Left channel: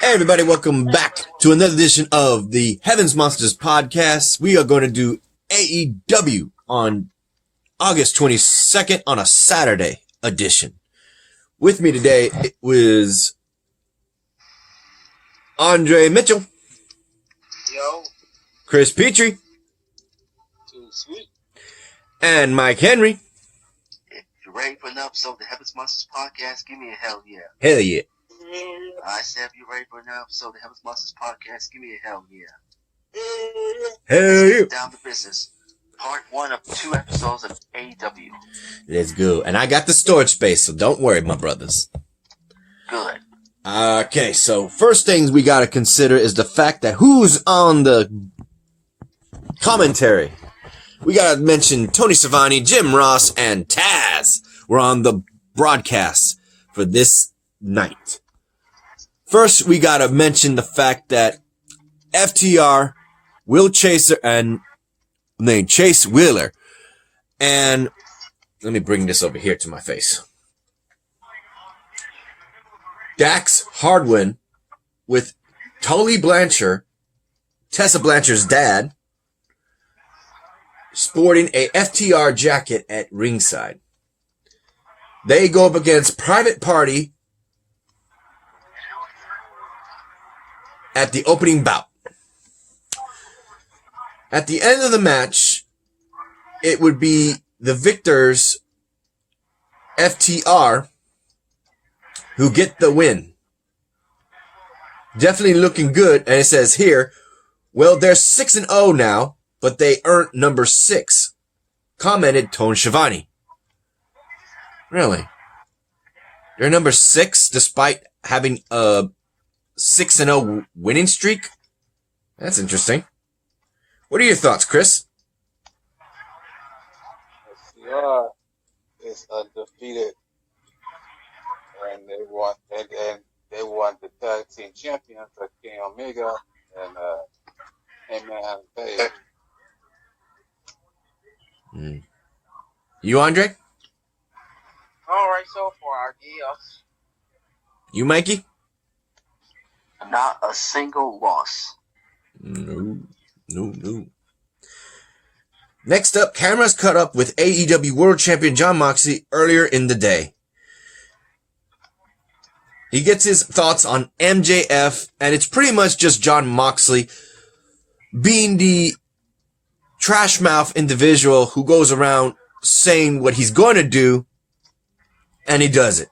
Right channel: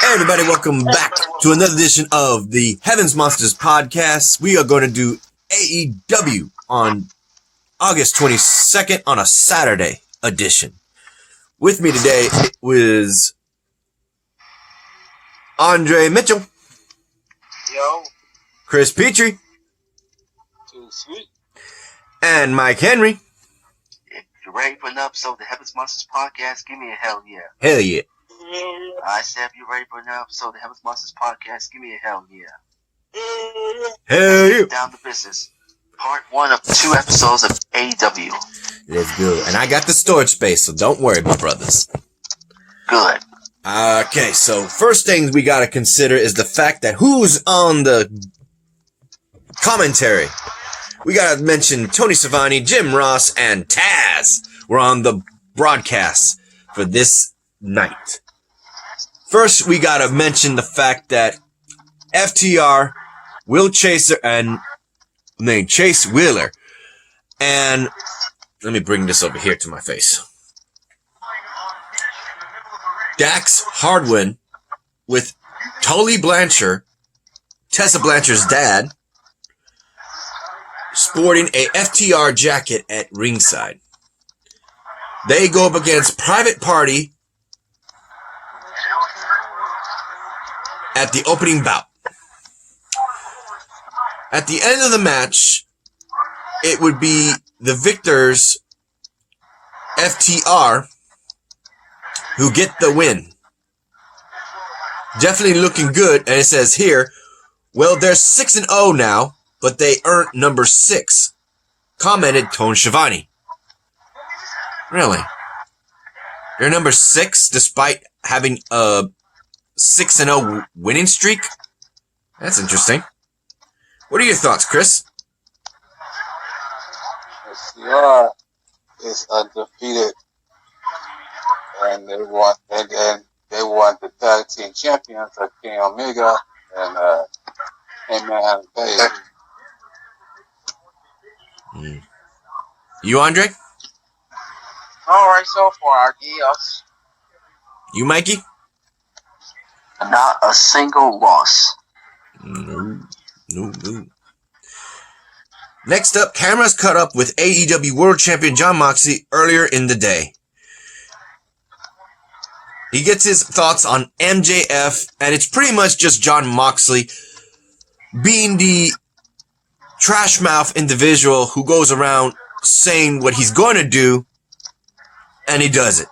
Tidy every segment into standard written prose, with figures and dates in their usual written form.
Hey everybody, welcome back to another edition of the Heavens Monsters podcast. We are going to do AEW on August 22nd on a Saturday edition. With me today it was Andre Mitchell. Yo. Chris Petrie. Too sweet. And Mike Henry. If you're ready for an episode of the Heavens Monsters podcast, give me a hell yeah. Hell yeah. I said if you're ready for an episode of the Heavens Monsters podcast, give me a hell yeah. Hell yeah. Down to business. Part 1 of 2 episodes of AEW. Let's go. And I got the storage space, so don't worry, my brothers. Good. Okay, so first things we gotta consider is the fact that who's on the commentary. We gotta mention Tony Schiavone, Jim Ross, and Taz were on the broadcast for this night. First, we gotta mention the fact that FTR, Will Chaser, and Chase Wheeler, and let me bring this over here to my face. Dax Hardwin with Tully Blanchard, Tessa Blanchard's dad, sporting a FTR jacket at ringside. They go up against Private Party at the opening bout. At the end of the match, it would be the victors, FTR, who get the win. Definitely looking good, and it says here, well, they're 6-0 now, but they earned number 6, commented Tony Schiavone. Really? They're number 6 despite having a 6-0 winning streak? That's interesting. What are your thoughts, Chris? FTR is undefeated, and they want the tag team champions like Kenny Omega and Heyman Page. You, Andre? Alright, so far, yes. You, Mikey? Not a single loss. No. Next up, cameras cut up with AEW World Champion Jon Moxley earlier in the day. He gets his thoughts on MJF, and it's pretty much just Jon Moxley being the trash mouth individual who goes around saying what he's going to do, and he does it.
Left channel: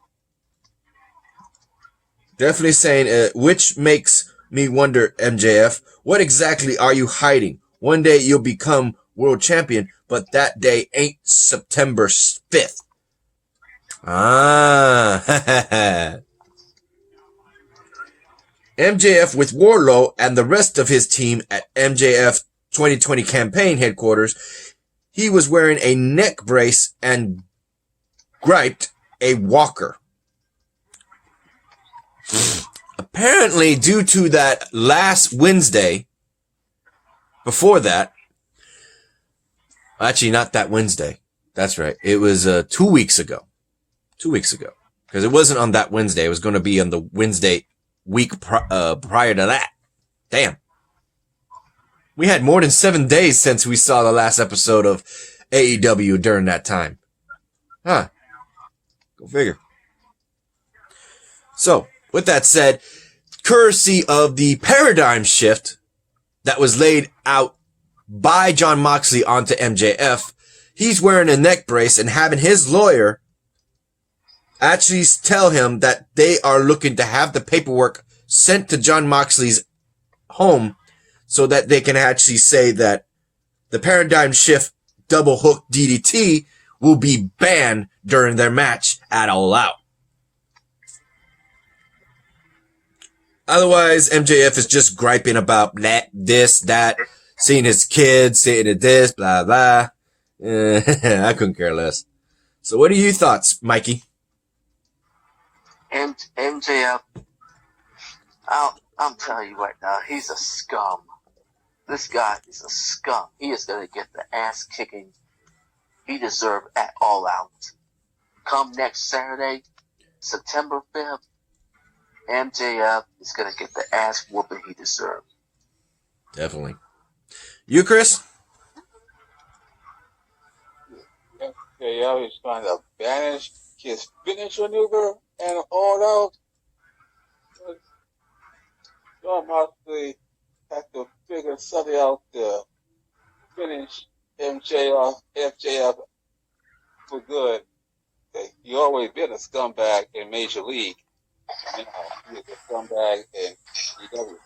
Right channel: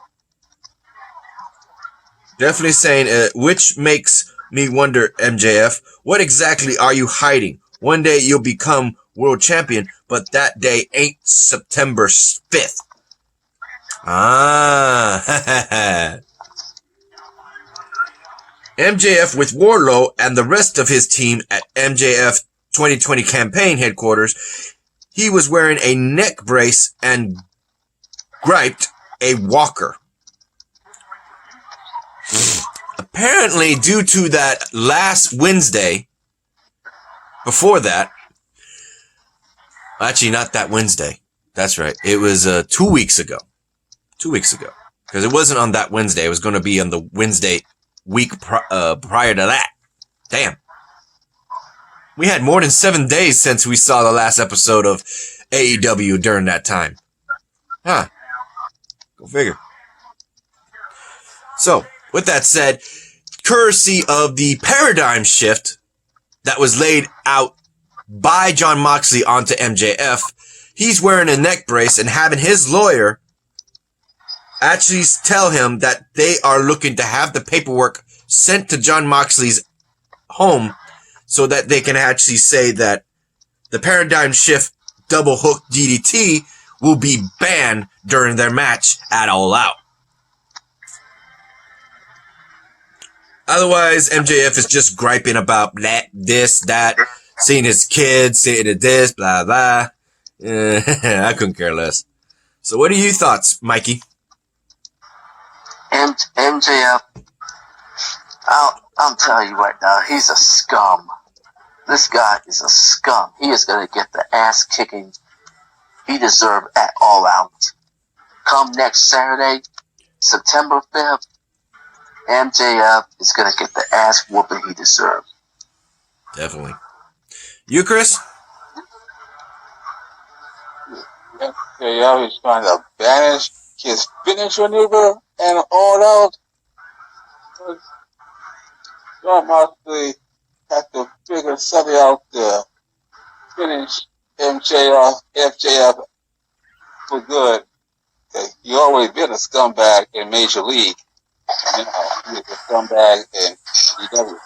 Definitely saying, which makes me wonder, MJF, what exactly are you hiding? One day you'll become world champion, but that day ain't September 5th. MJF with Wardlow and the rest of his team at MJF 2020 campaign headquarters, he was wearing a neck brace and griped a walker. Apparently, due to that last Wednesday, before that, actually not that Wednesday, that's right, it was 2 weeks ago. 2 weeks ago. Because it wasn't on that Wednesday, it was going to be on the Wednesday week prior to that. Damn. We had more than 7 days since we saw the last episode of AEW during that time. Huh. Go figure. So, with that said, courtesy of the paradigm shift that was laid out by Jon Moxley onto MJF, he's wearing a neck brace and having his lawyer actually tell him that they are looking to have the paperwork sent to Jon Moxley's home so that they can actually say that the paradigm shift double hook DDT will be banned during their match at All Out. Otherwise, MJF is just griping about that, this, that, seeing his kids, saying this, blah, blah. I couldn't care less. So what are your thoughts, Mikey? MJF, I'm telling you right now, he's a scum. This guy is a scum. He is going to get the ass kicking he deserved at All Out. Come next Saturday, September 5th, MJF is going to get the ass whooping he deserves. Definitely. You, Chris? MJF is trying to banish his finish maneuver and all out. John Moxley had to figure something out to finish MJF for good. He always been a scumbag in Major League. Now he's a scumbag in AEW.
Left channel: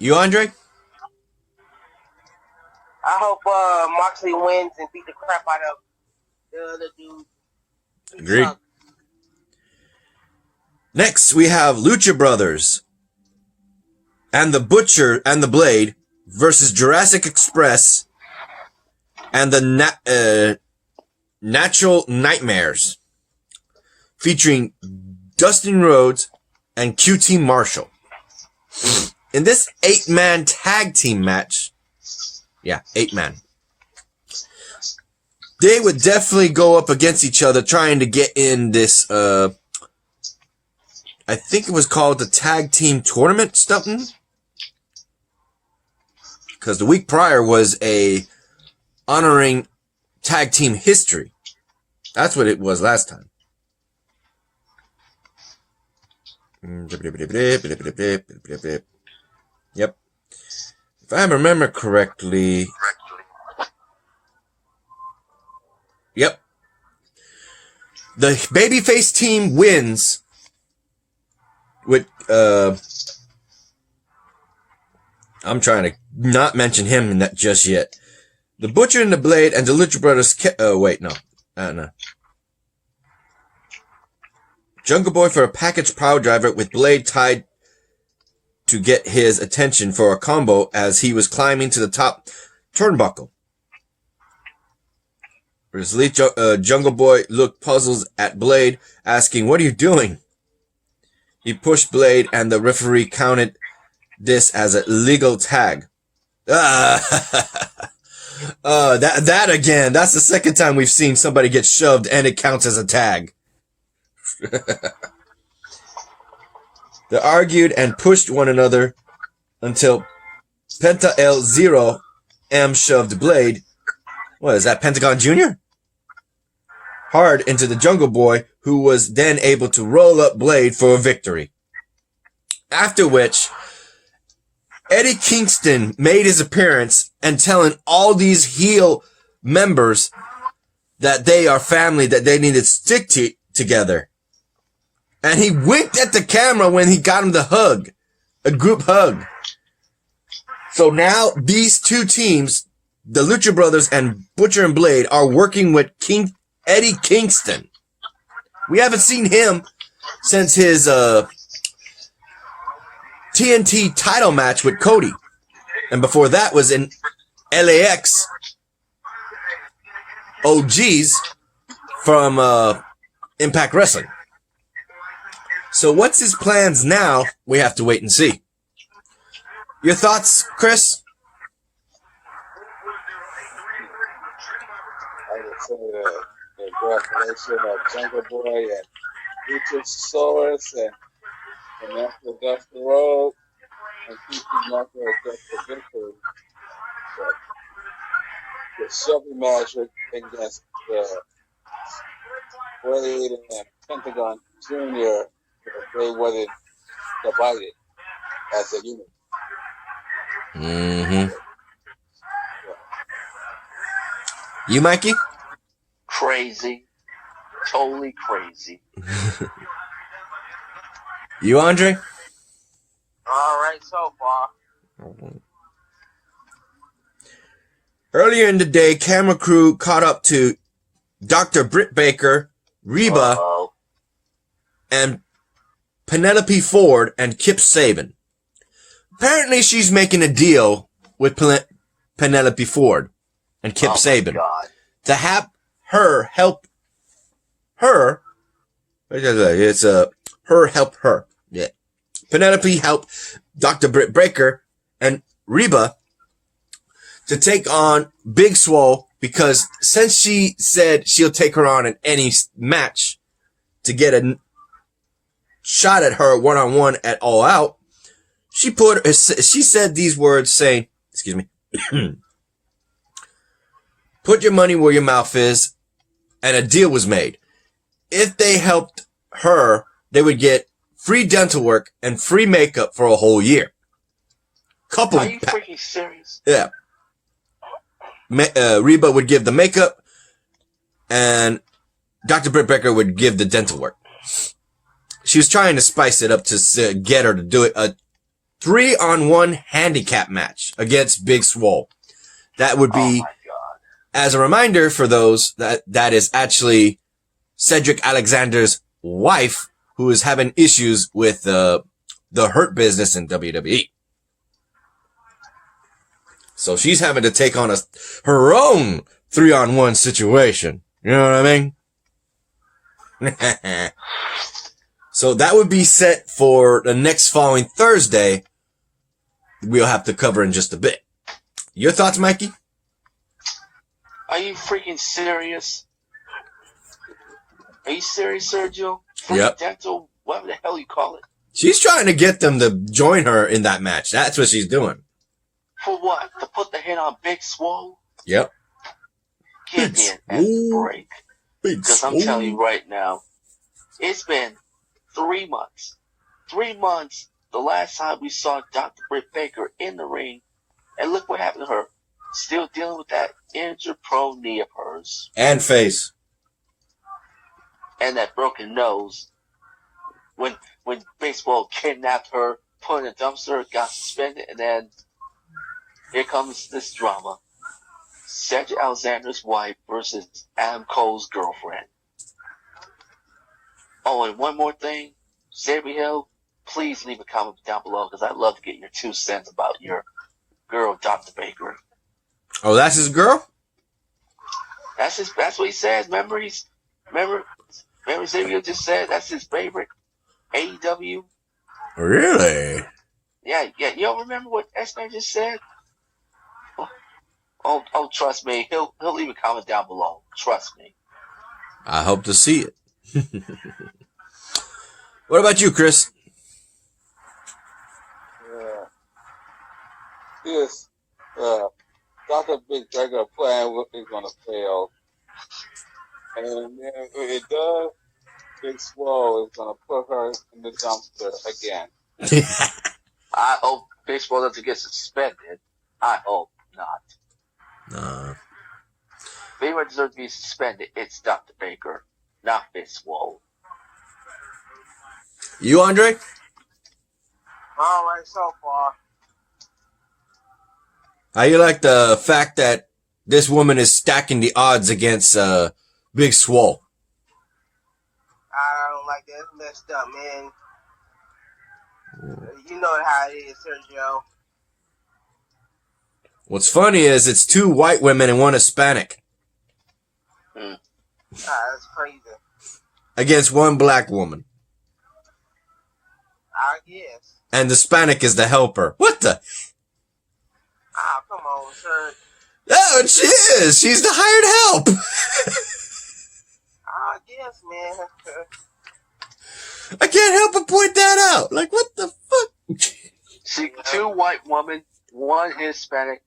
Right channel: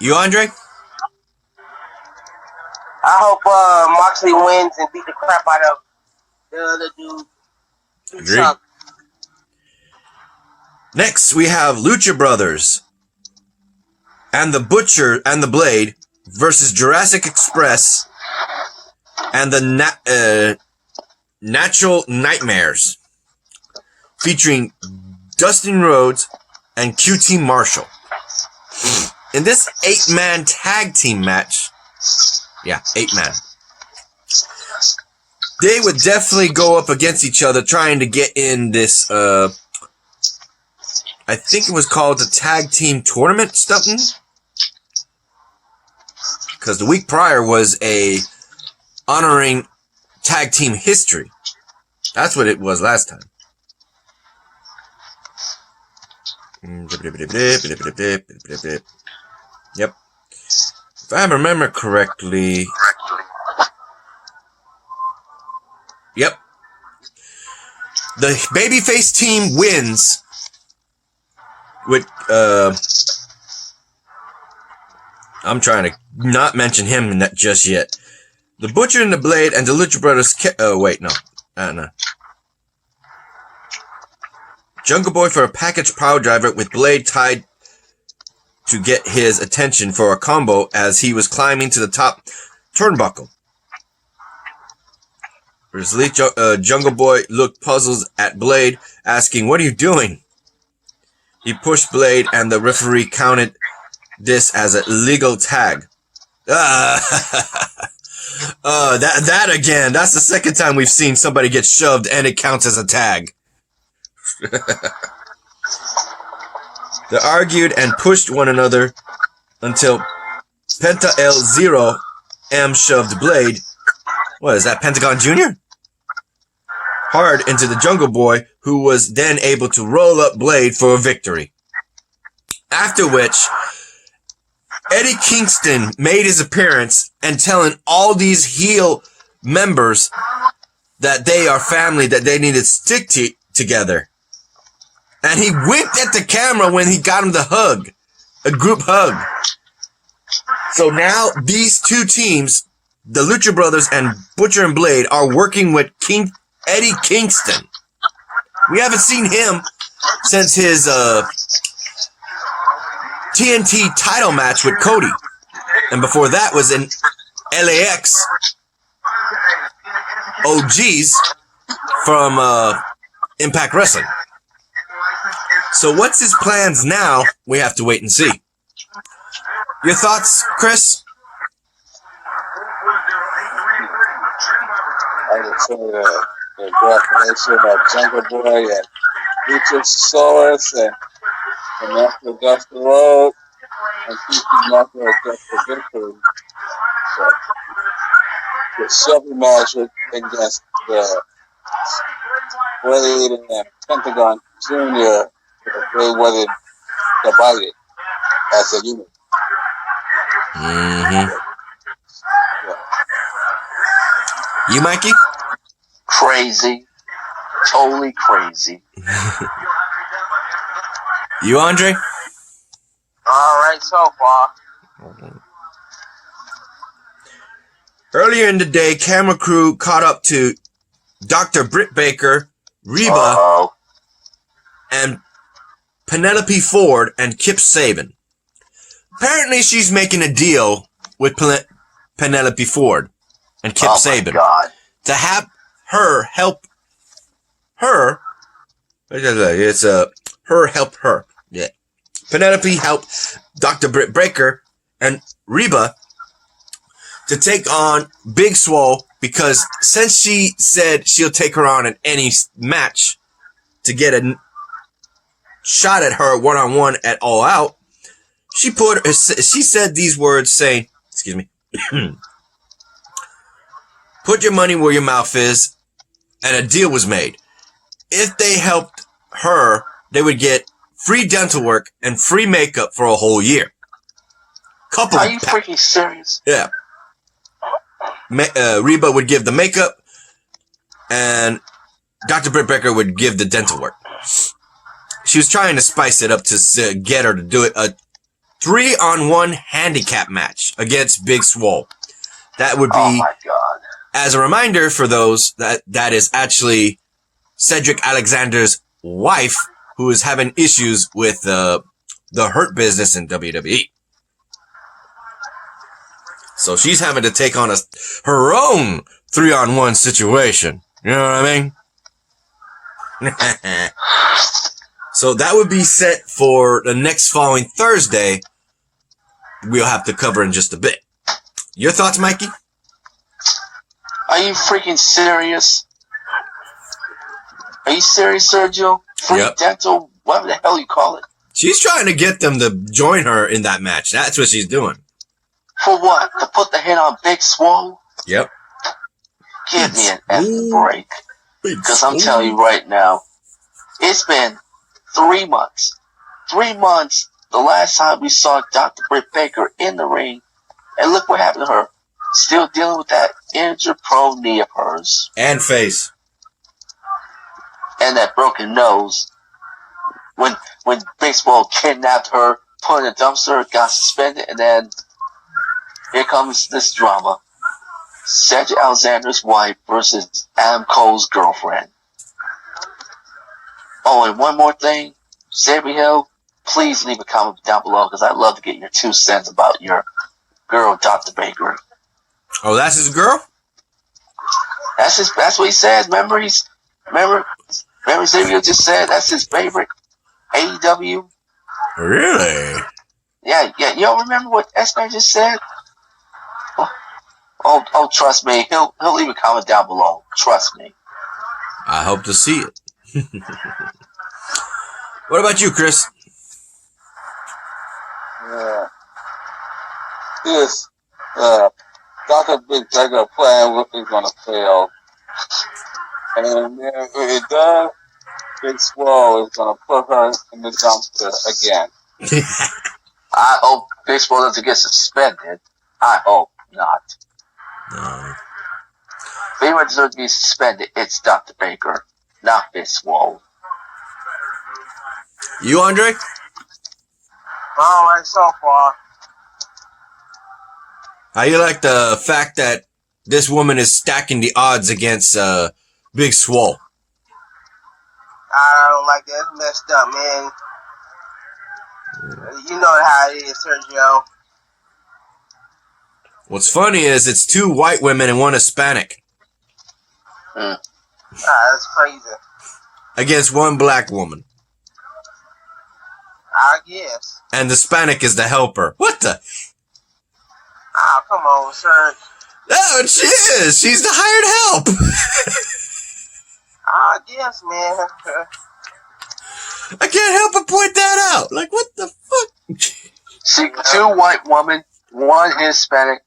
You, Andre? I hope Moxley wins and beat the crap out of the other dude. Agreed. Next, we have Lucha Brothers and the Butcher and the Blade versus Jurassic Express and the Natural Nightmares, featuring Dustin Rhodes and QT Marshall. In this 8-man tag team match, 8-man, they would definitely go up against each other trying to get in this, I think it was called the Tag Team Tournament something. Because the week prior was a honoring tag team history. That's what it was last time. Yep. If I remember correctly. Yep. The babyface team wins with, I'm trying to not mention him just yet. The Butcher and the Blade and the Lucha Brothers. No. Jungle Boy for a package power driver with Blade tied to get his attention for a combo as he was climbing to the top turnbuckle. Jungle Boy looked puzzled at Blade, asking, "What are you doing?" He pushed Blade and the referee counted this as a legal tag. That again, that's the second time we've seen somebody get shoved and it counts as a tag. They argued and pushed one another until Penta El Zero M shoved Blade. What is that, Pentagon Jr.? Hard into the Jungle Boy, who was then able to roll up Blade for a victory. After which, Eddie Kingston made his appearance and telling all these heel members that they are family, that they need to stick together. And he winked at the camera when he got him the hug, a group hug. So now these two teams, the Lucha Brothers and Butcher and Blade, are working with Eddie Kingston. We haven't seen him since his TNT title match with Cody. And before that was in LAX OGs from Impact Wrestling. So what's his plans now? We have to wait and see. Your thoughts, Chris? I would say the cooperation of Jungle Boy and Luchasaurus and Master Dustin Road and keeping Marco against the victory. So, the shoving match against the Blade and Pentagon Jr. They wasn't divided as a unit. Mm-hmm. You, Mikey? Crazy. Totally crazy. You, Andre? All right, so far. Earlier in the day, camera crew caught up to Dr. Britt Baker, Reba, and Penelope Ford and Kip Saban. Apparently, she's making a deal with Penelope Ford and Kip Saban to have her help her. It's her help her. Yeah. Penelope helped Dr. Britt Baker and Reba to take on Big Swole, because since she said she'll take her on in any match to get shot at her one-on-one at All Out, she said these words saying, excuse me, put your money where your mouth is, and a deal was made. If they helped her, they would get free dental work and free makeup for a whole year. Are you freaking serious? Yeah. Reba would give the makeup, and Dr. Britt Baker would give the dental work. She was trying to spice it up to get her to do it. A 3-on-1 handicap match against Big Swole. That would be, oh my God. As a reminder for those, that is actually Cedric Alexander's wife, who is having issues with the Hurt Business in WWE. So she's having to take on her own 3-on-1 situation. You know what I mean? So that would be set for the next following Thursday. We'll have to cover in just a bit. Your thoughts, Mikey? Are you freaking serious? Are you serious, Sergio? Free dental, whatever the hell you call it. She's trying to get them to join her in that match. That's what she's doing. For what? To put the hit on Big Swole? Yep. Give me an effing break. Because I'm telling you right now, it's been 3 months. 3 months the last time we saw Dr. Britt Baker in the ring. And look what happened to her. Still dealing with that injured prone knee of hers. And face. And that broken nose. When baseball kidnapped her, put in a dumpster, got suspended, and then here comes this drama. Cedric Alexander's wife versus Adam Cole's girlfriend. Oh, and one more thing. Xavier Hill, please leave a comment down below because I'd love to get your 2 cents about your girl, Dr. Baker. Oh, that's his girl? That's what he says. Remember Xavier just said that's his favorite AEW. Really? Yeah. You don't remember what S-Man just said? Oh, trust me. He'll leave a comment down below. Trust me. I hope to see it. What about you, Chris? Yeah. This Dr. Big Baker plan is going to fail. And if it does, Big Swole is going to put her in the dumpster again. I hope Big Swole doesn't get suspended. I hope not. No. If anyone deserves to be suspended, it's Dr. Baker, not Big Swole. You, Andre? All right, so far. How you like the fact that this woman is stacking the odds against Big Swole? I don't like that. It's messed up, man. You know how it is, Sergio. What's funny is it's 2 white women and 1 Hispanic. That's crazy. Against 1 black woman. I guess. And the Hispanic is the helper. What the? Oh, come on, sir. Oh, she is. She's the hired help. I guess, man. I can't help but point that out. Like, what the fuck? See, 2 white women, 1 Hispanic,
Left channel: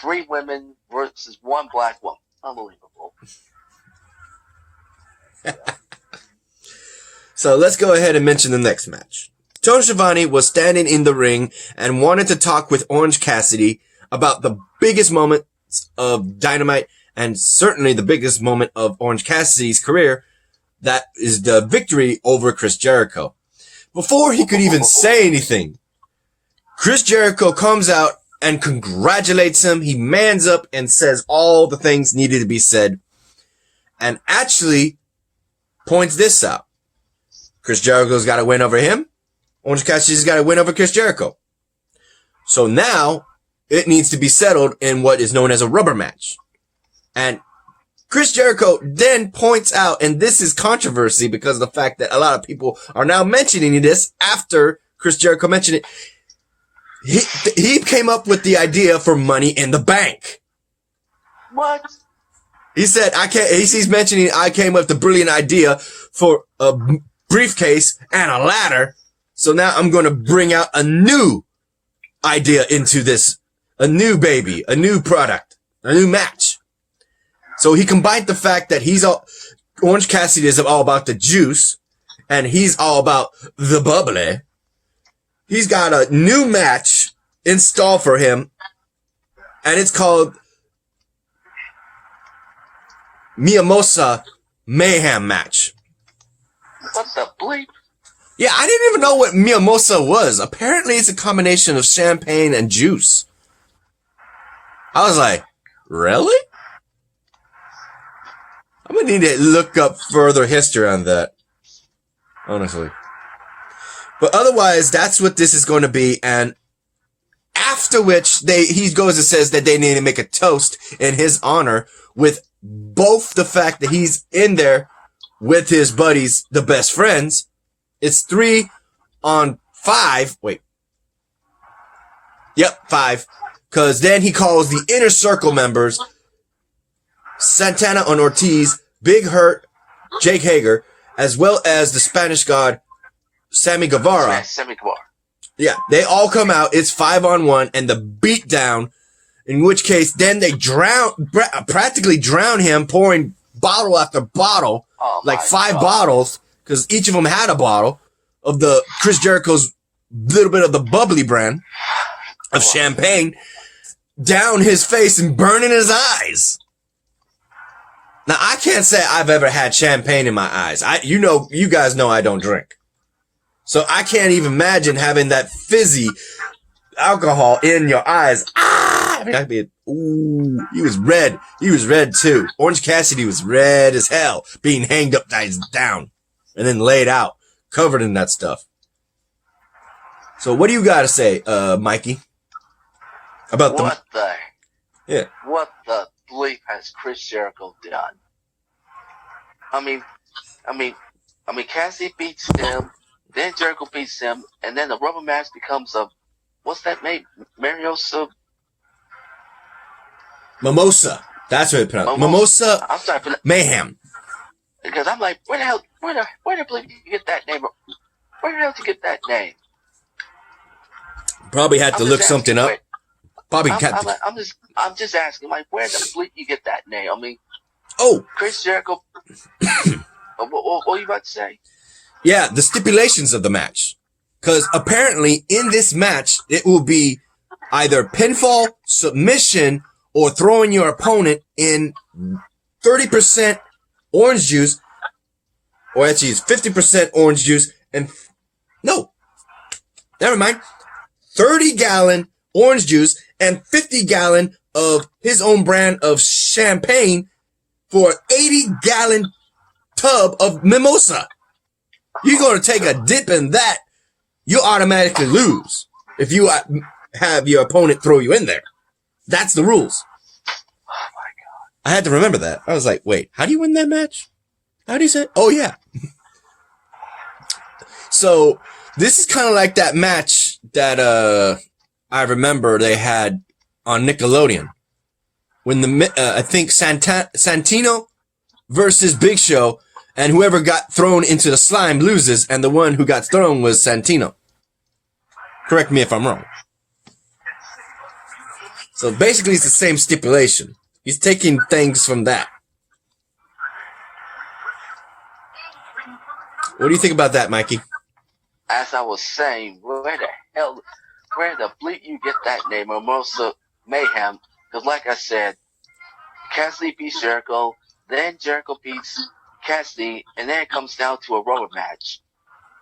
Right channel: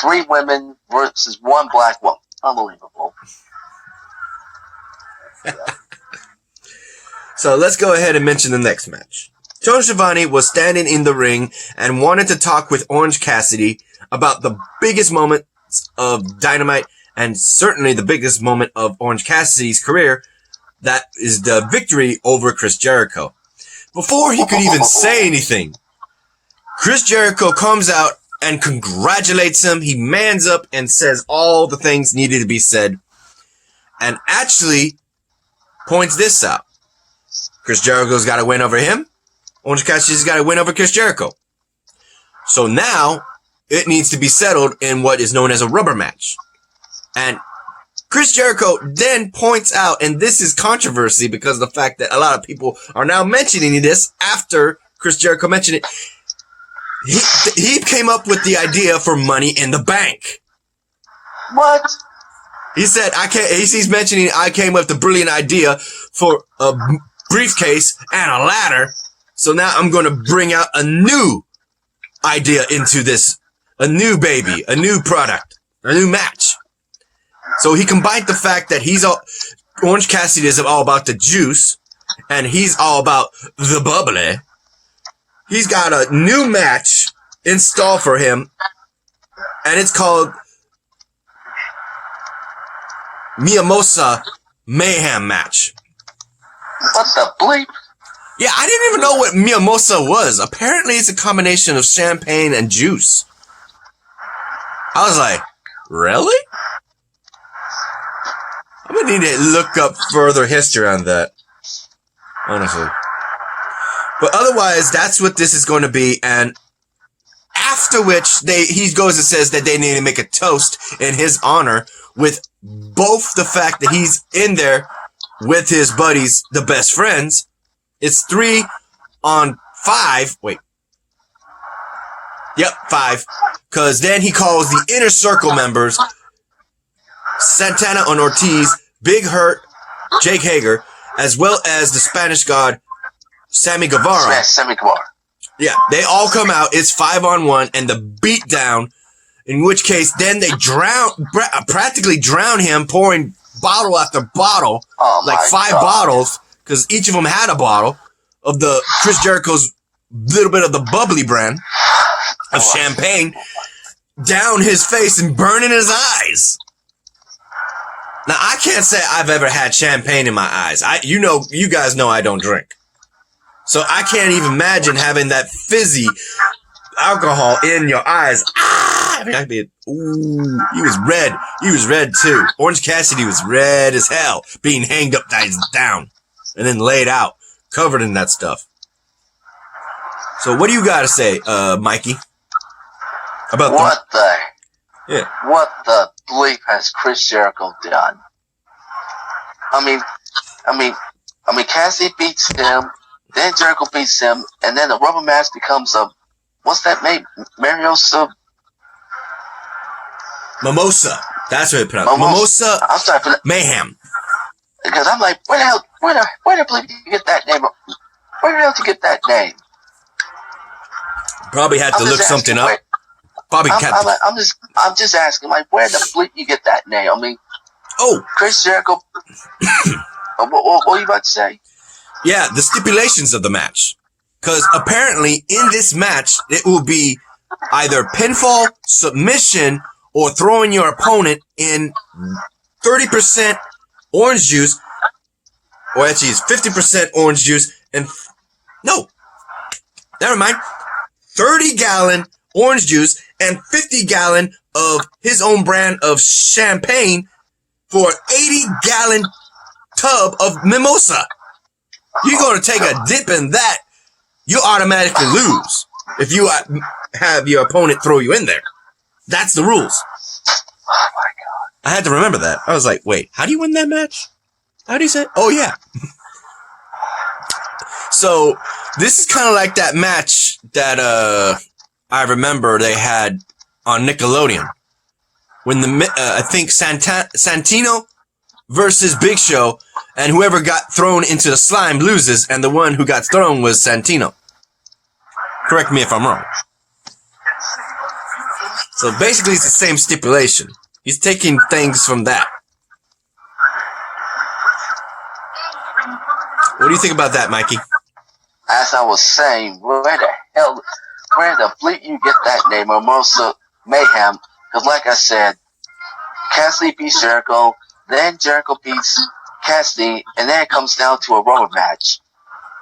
3 women versus 1 black woman. Unbelievable. So let's go ahead and mention the next match. Tony Schiavone was standing in the ring and wanted to talk with Orange Cassidy about the biggest moments of Dynamite and certainly the biggest moment of Orange Cassidy's career. That is the victory over Chris Jericho. Before he could even say anything, Chris Jericho comes out and congratulates him. He mans up and says all the things needed to be said and actually points this out. Chris Jericho's got to win over him. Orange Cassidy's got to win over Chris Jericho. So now it needs to be settled in what is known as a rubber match. And Chris Jericho then points out, and this is controversy because of the fact that a lot of people are now mentioning this after Chris Jericho mentioned it. He came up with the idea for Money in the Bank. What? He said, he's mentioning I came up with the brilliant idea for briefcase and a ladder. So now I'm going to bring out a new idea into this, a new baby, a new product, a new match. So he combined the fact that Orange Cassidy is all about the juice and he's all about the bubbly. He's got a new match installed for him and it's called Mimosa Mayhem match. What the bleep? Yeah, I didn't even know what mimosa was. Apparently, it's a combination of champagne and juice. I was like, really? I'm gonna need to look up further history on that. Honestly. But otherwise, that's what this is going to be. And after which, he goes and says that they need to make a toast in his honor with both the fact that he's in there with his buddies, the best friends. It's 3 on 5. Wait. Yep, 5. Because then he calls the Inner Circle members, Santana and Ortiz, Big Hurt, Jake Hager, as well as the Spanish God, Sammy Guevara. Sammy Guevara. Yeah, they all come out. It's 5 on 1 and the beatdown, in which case then they practically drown him, pouring bottle after bottle, like 5 bottles. Because each of them had a bottle of the Chris Jericho's little bit of the bubbly brand of champagne down his face and burning his eyes. Now, I can't say I've ever had champagne in my eyes. You guys know I don't drink. So I can't even imagine having that fizzy alcohol in your eyes. Ooh, he was red. He was red too. Orange Cassidy was red as hell, being hanged up down. And then laid out, covered in that stuff. So what do you got to say, Mikey? About what the bleep has Chris Jericho done? I mean, Cassidy beats him, then Jericho beats him, and then the rubber match becomes what's that name? Mimosa. That's what it pronounced. Mimosa I'm sorry for that. Mayhem. Because I'm like, where the bleep did you get that name? Where the hell did you get that name? Probably had to look something up. Probably kept. I'm just asking, like, where the bleep you get that name? I mean, Chris Jericho. What were you about to say? Yeah, the stipulations of the match. Because apparently in this match, it will be either pinfall, submission, or throwing your opponent in 30% orange juice, or actually it's 50% orange juice, and never mind, 30-gallon orange juice and 50-gallon of his own brand of champagne for an 80-gallon tub of mimosa. You're going to take a dip in that, you automatically lose if you have your opponent throw you in there. That's the rules. Oh my God. I had to remember that. I was like, wait, how do you win that match? How do you say? Oh, yeah. So this is kind of like that match that I remember they had on Nickelodeon when I think Santino versus Big Show, and whoever got thrown into the slime loses, and the one who got thrown was Santino. Correct me if I'm wrong. So basically it's the same stipulation. He's taking things from that. What do you think about that, Mikey? As I was saying, where the bleep you get that name, Mimosa Mayhem? Because like I said, Cassidy beats Jericho, then Jericho beats Cassidy, and then it comes down to a rubber match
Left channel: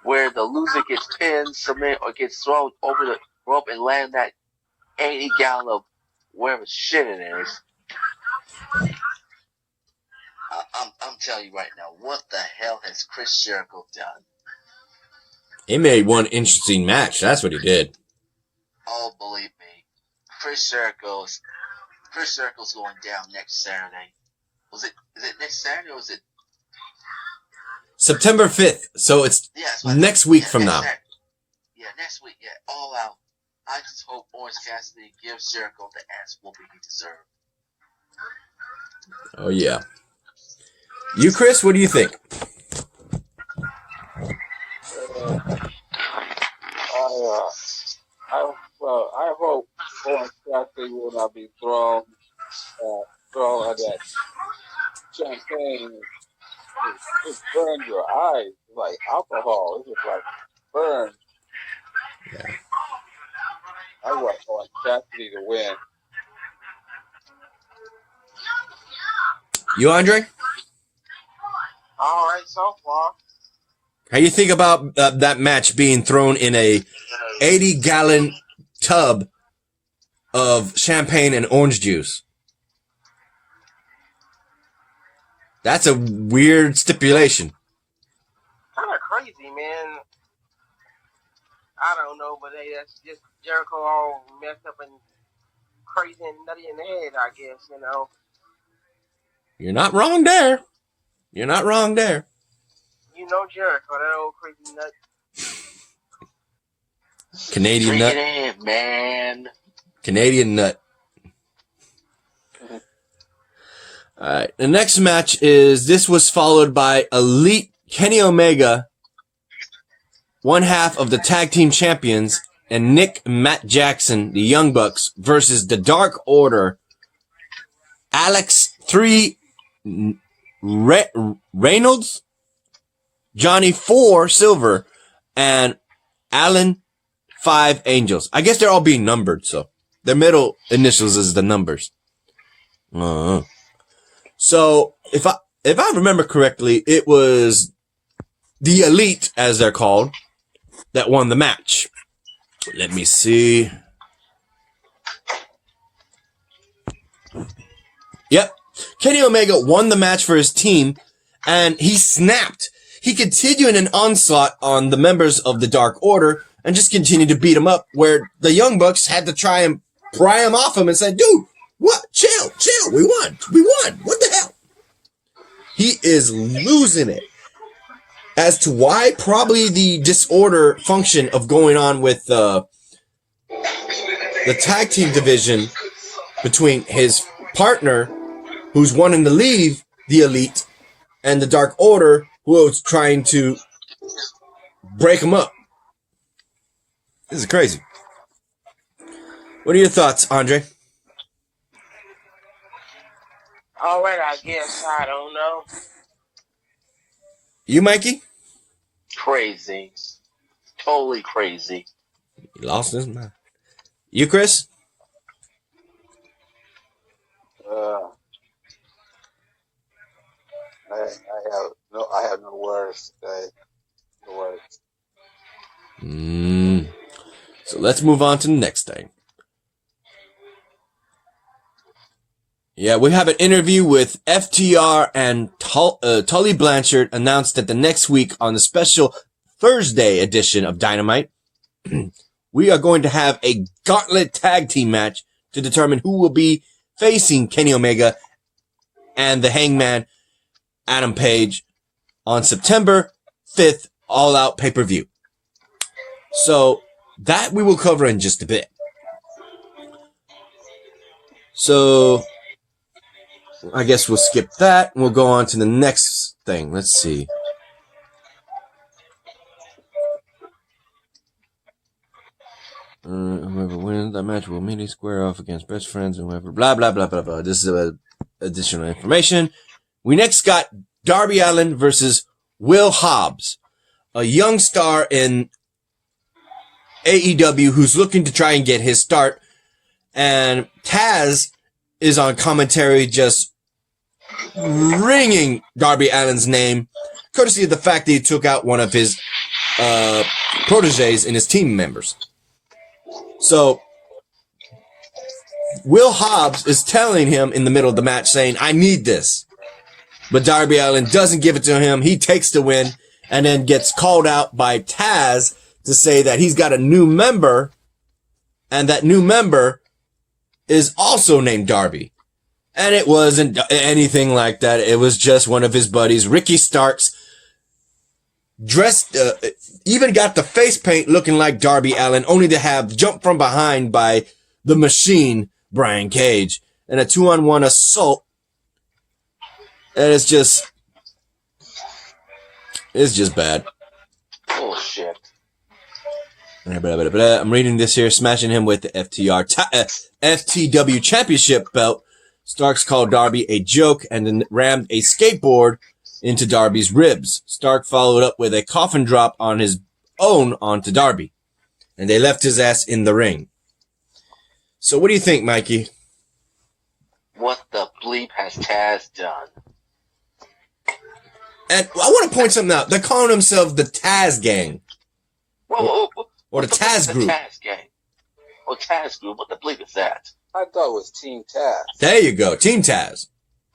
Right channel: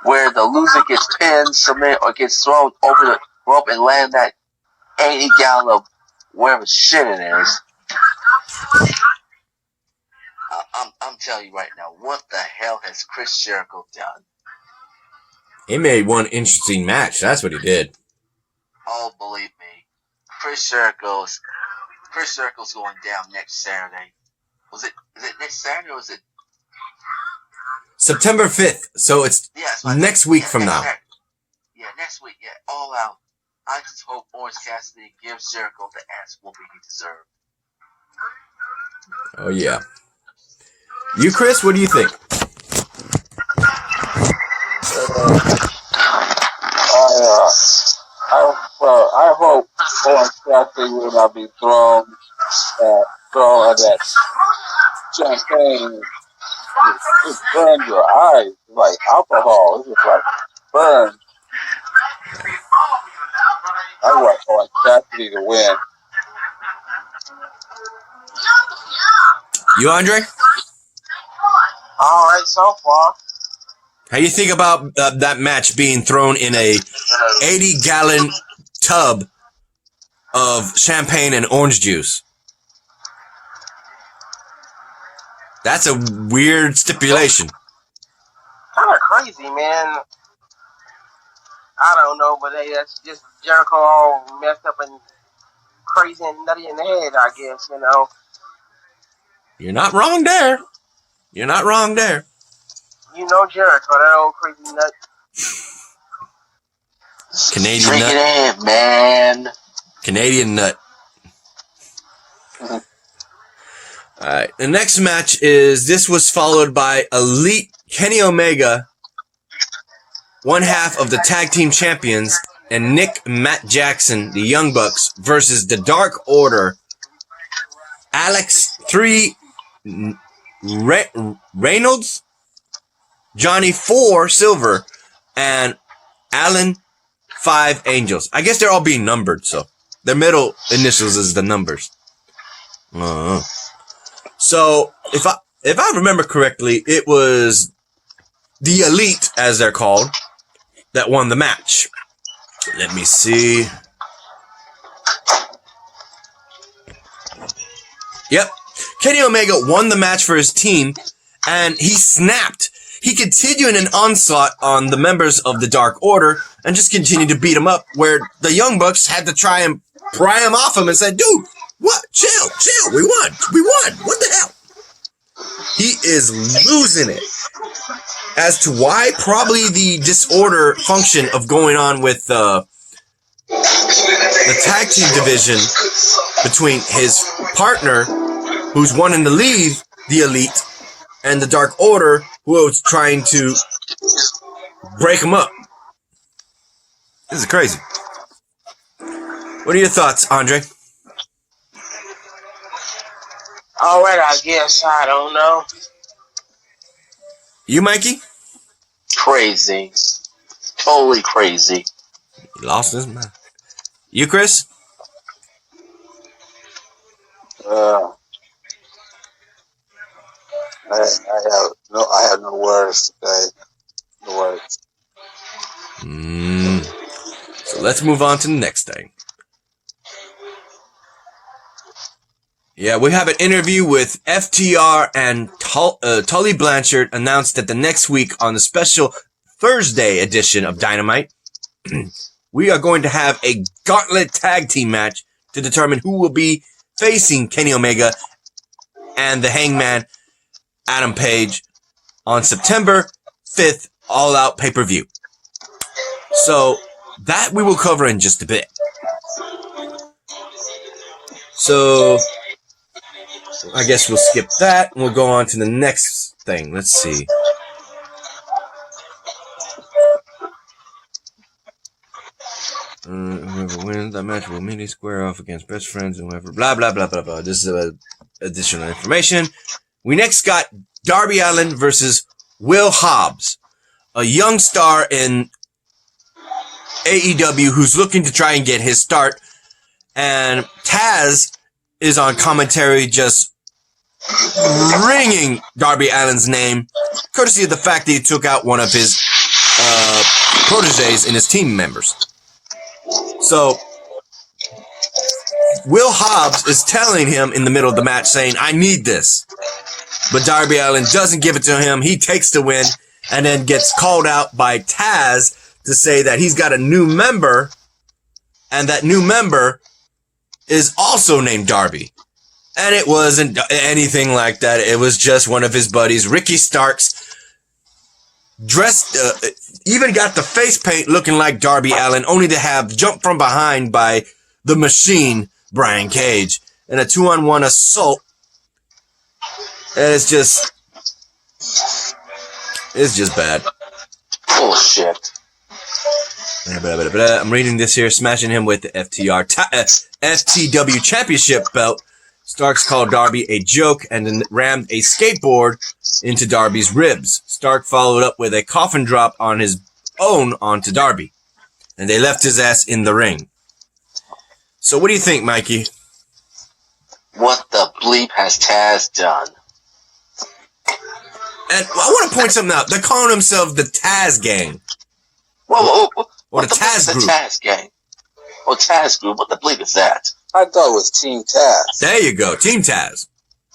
where the loser gets pinned, submitted, or gets thrown over the rope and land that 80-gallon of whatever shit it is. I'm telling you right now, what the hell has Chris Jericho done? He made one interesting match. That's what he did. Oh, believe me, Chris Jericho's going down next Saturday. Is it next Saturday or is it September 5th? So it's next week from now. Saturday. Yeah, next week. Yeah, all out. I just hope Orange Cassidy gives Jericho the ass whooping he deserved. Oh, yeah. You, Chris, what do you think? I hope Orange Cassidy will not be thrown at that champagne. It burns your eyes. It's like alcohol. It's just like burn. I want Orange Cassidy to win. You, Andre? All right, so far. How do you think about that match being thrown in a 80-gallon tub of champagne and orange juice? That's a weird stipulation. Kind of crazy, man. I don't know, but hey, that's just Jericho all messed up and crazy and nutty in the head, I guess, you know. You're not wrong there. You're not wrong there. You know Jericho, that old crazy nut. Canadian Drink nut. it in, man. Canadian nut. Alright, the next match this was followed by Elite Kenny Omega, one half of the tag team champions, and Matt Jackson, the Young Bucks, versus the Dark Order, Alex 3 Reynolds, Johnny 4 Silver, and Alan 5 Angels. I guess they're all being numbered, so their middle initials is the numbers. So if I remember correctly, it was the Elite, as they're called, that won the match. Let me see. Yep. Kenny Omega won the match for his team, and he snapped. He continued an onslaught on the members of the Dark Order and just continued to beat them up, where the Young Bucks had to try and pry him off him and said, dude, what? Chill. We won. What the hell? He is losing it. As to why, probably the disorder function of going on with the tag team division between his partner, who's wanting to leave the Elite, and the Dark Order, who was trying to break him up. This is crazy. What are your thoughts, Andre? All right, I guess. I don't know. You, Mikey? Crazy. Totally crazy. He lost his mind. You, Chris? I have no words today. No words. So let's move on to the next thing. Yeah, we have an interview with FTR, and Tully Blanchard announced that the next week on the special Thursday edition of Dynamite, we are going to have a gauntlet tag team match to determine who will be facing Kenny Omega and the Hangman Adam Page on September 5th, All Out pay-per-view. So that we will cover in just a bit. So I guess we'll skip that and we'll go on to the next thing. Let's see. Whoever wins that match will immediately square off against best friends and whoever. Blah, blah, blah, blah, blah. This is additional information. We next got Darby Allin versus Will Hobbs, a young star in AEW who's looking to try and get his start. And Taz is on commentary just ringing Darby Allin's name, courtesy of the fact that he took out one of his proteges in his team members. So Will Hobbs is telling him in the middle of the match, saying, I need this. But Darby Allin doesn't give it to him. He takes the win and then gets called out by Taz to say that he's got a new member, and that new member is also named Darby. And it wasn't anything like that. It was just one of his buddies, Ricky Starks, dressed, even got the face paint looking like Darby Allin, only to have jumped from behind by the Machine, Brian Cage, in a 2-on-1 assault. And it's just bad. Bullshit. I'm reading this here, smashing him with the FTW Championship belt. Starks called Darby a joke and then rammed a skateboard into Darby's ribs. Stark followed up with a coffin drop on his own onto Darby. And they left his ass in the ring. So what do you think, Mikey? What the bleep has Taz done? And I want to point something out. They're calling themselves the Taz Gang. Whoa. Or the Taz Group. The Taz Gang. Or Taz Group. What the bleep is that? I thought it was Team Taz. There you go. Team Taz.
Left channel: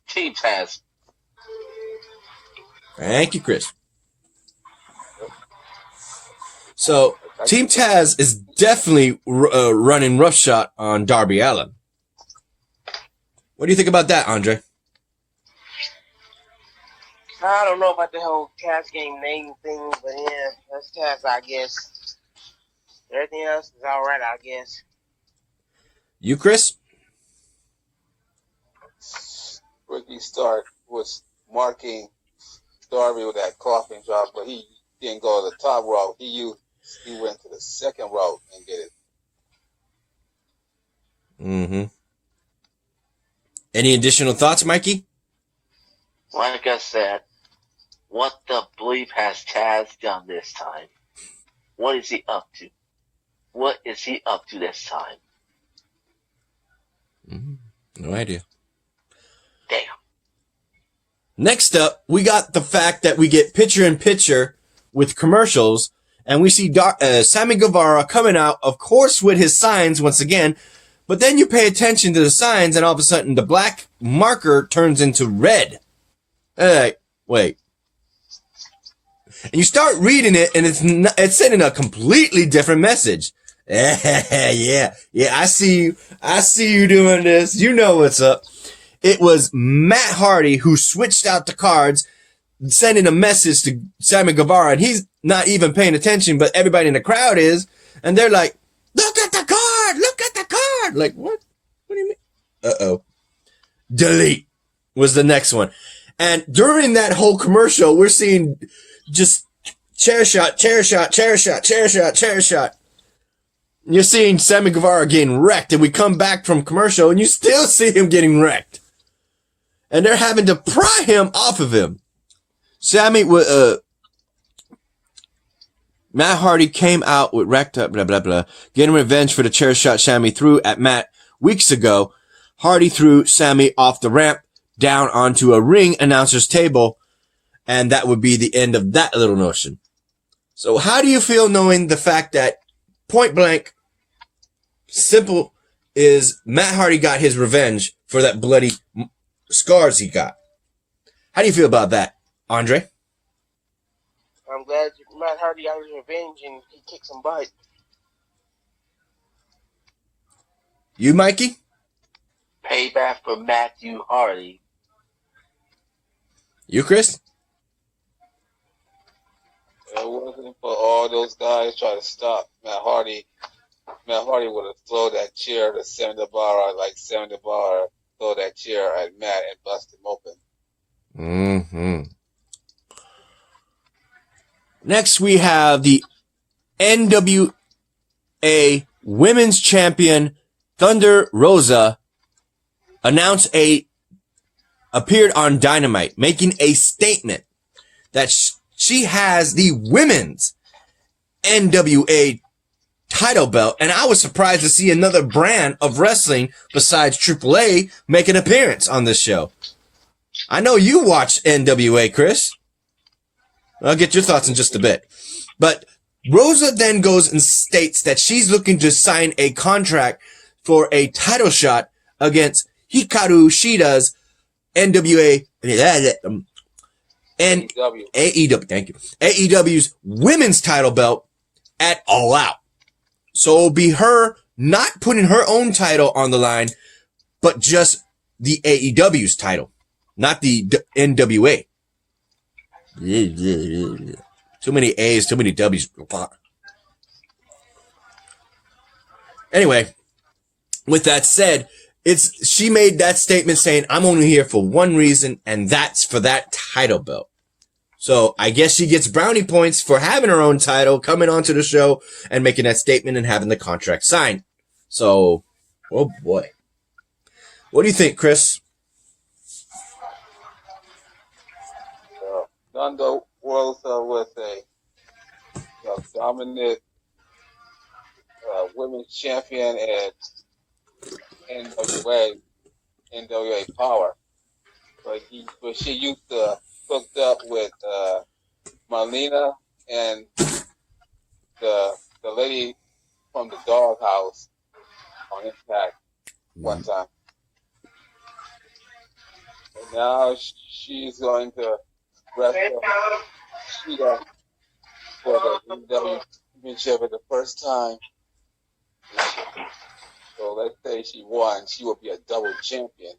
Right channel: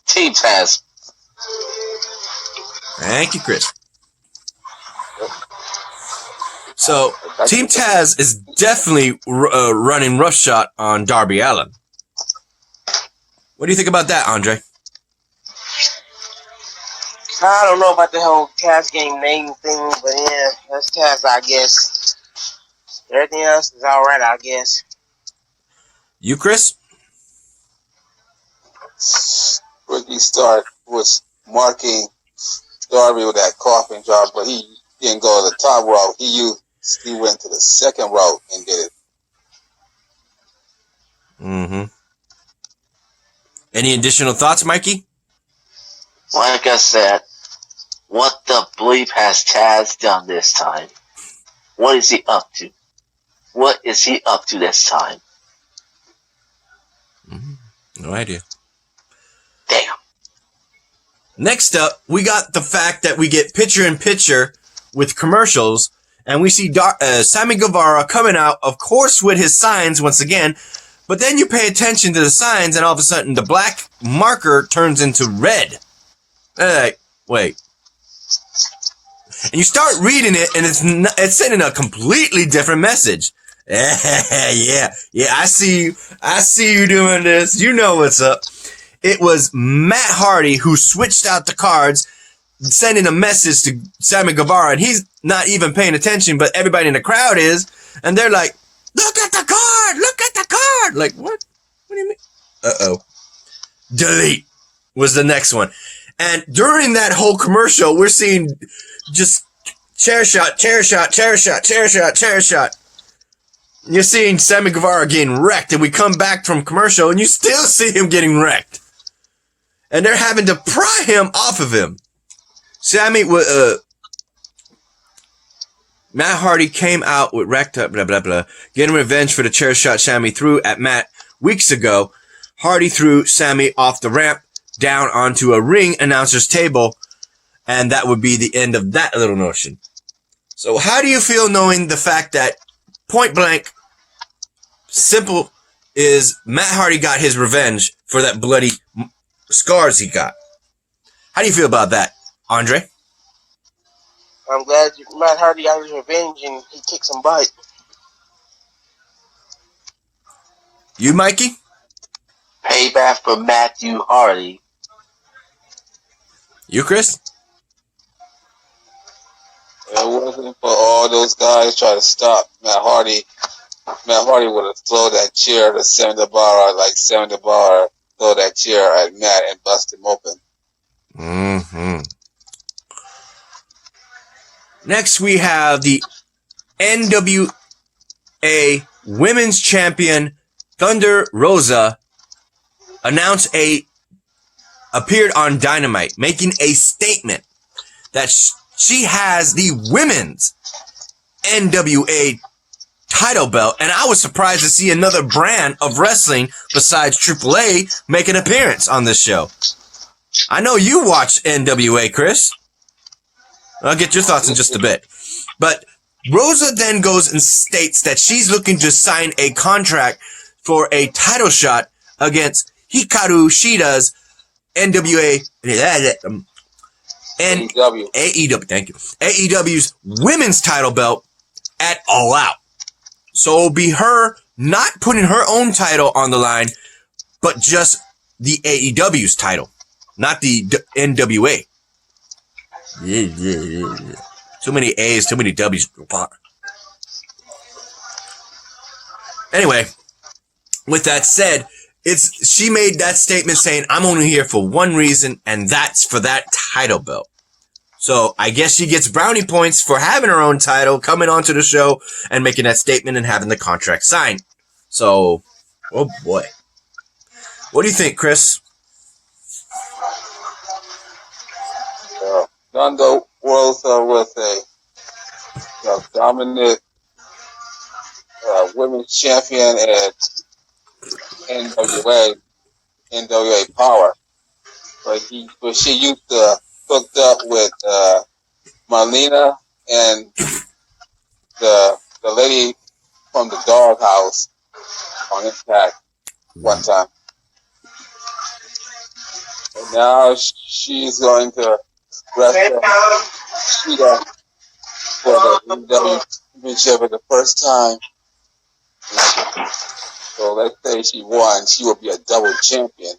Team Taz. Thank you, Chris. So, Team Taz is definitely running roughshod on Darby Allin. What do you think about that, Andre? I don't know about the whole Taz Gang name thing, but yeah, that's Taz, I guess. Everything else is alright, I guess. You, Chris? Ricky Stark was marking Darby with that coffin drop, but he didn't go to the top rope. He went to the second rope and did it. Mm-hmm. Any additional thoughts, Mikey? Like I said, what the bleep has Taz done this time? What is he up to? What is he up to this time? No idea. Damn. Next up, we got the fact that we get picture-in-picture with commercials, and we see Sammy Guevara coming out, of course, with his signs once again, but then you pay attention to the signs, and all of a sudden, the black marker turns into red. Wait. And you start reading it, and it's sending a completely different message. Yeah, I see you doing this. You know what's up. It was Matt Hardy who switched out the cards, sending a message to Sammy Guevara, and he's not even paying attention, but everybody in the crowd is, and they're like, look at the card! Look at the card! Like, what? What do you mean? Uh-oh. Delete was the next one. And during that whole commercial, we're seeing just chair shot. You're seeing Sammy Guevara getting wrecked, and we come back from commercial, and you still see him getting wrecked. And they're having to pry him off of him. Matt Hardy came out with wrecked up, blah, blah, blah, getting revenge for the chair shot Sammy threw at Matt weeks ago. Hardy threw Sammy off the ramp down onto a ring announcer's table, and that would be the end of that little notion. So how do you feel knowing the fact that point blank, simple, is Matt Hardy got his revenge for that bloody scars he got? How do you feel about that, Andre? I'm glad Matt Hardy got his revenge and he kicked some butt. You, Mikey? Payback for Matthew Hardy. You, Chris? It wasn't for all those guys trying to stop Matt Hardy. Matt Hardy would have thrown that chair to Sammy Guevara like Sammy Guevara throw that chair at Matt and bust him open. Mm-hmm. Next, we have the NWA Women's Champion Thunder Rosa appeared on Dynamite, making a statement that she has the women's NWA title belt, and I was surprised to see another brand of wrestling besides AAA make an appearance on this show. I know you watch NWA, Chris. I'll get your thoughts in just a bit. But Rosa then goes and states that she's looking to sign a contract for a title shot against Hikaru Shida's NWA and AEW, thank you. AEW's women's title belt at All Out. So it'll be her not putting her own title on the line, but just the AEW's title, not the NWA. Yeah. Too many A's, too many W's. Anyway, with that said, she made that statement saying, I'm only here for one reason, and that's for that title belt. So I guess she gets brownie points for having her own title, coming onto the show and making that statement and having the contract signed. So, oh boy. What do you think, Chris? Thunder Rosa with a dominant women's champion at NWA Power. But she used to hooked up with Marlena and the lady from the Doghouse on Impact one time. And now she's going to wrestle Shida for the AEW Championship for the first time. So let's say she won, she will be a double champion.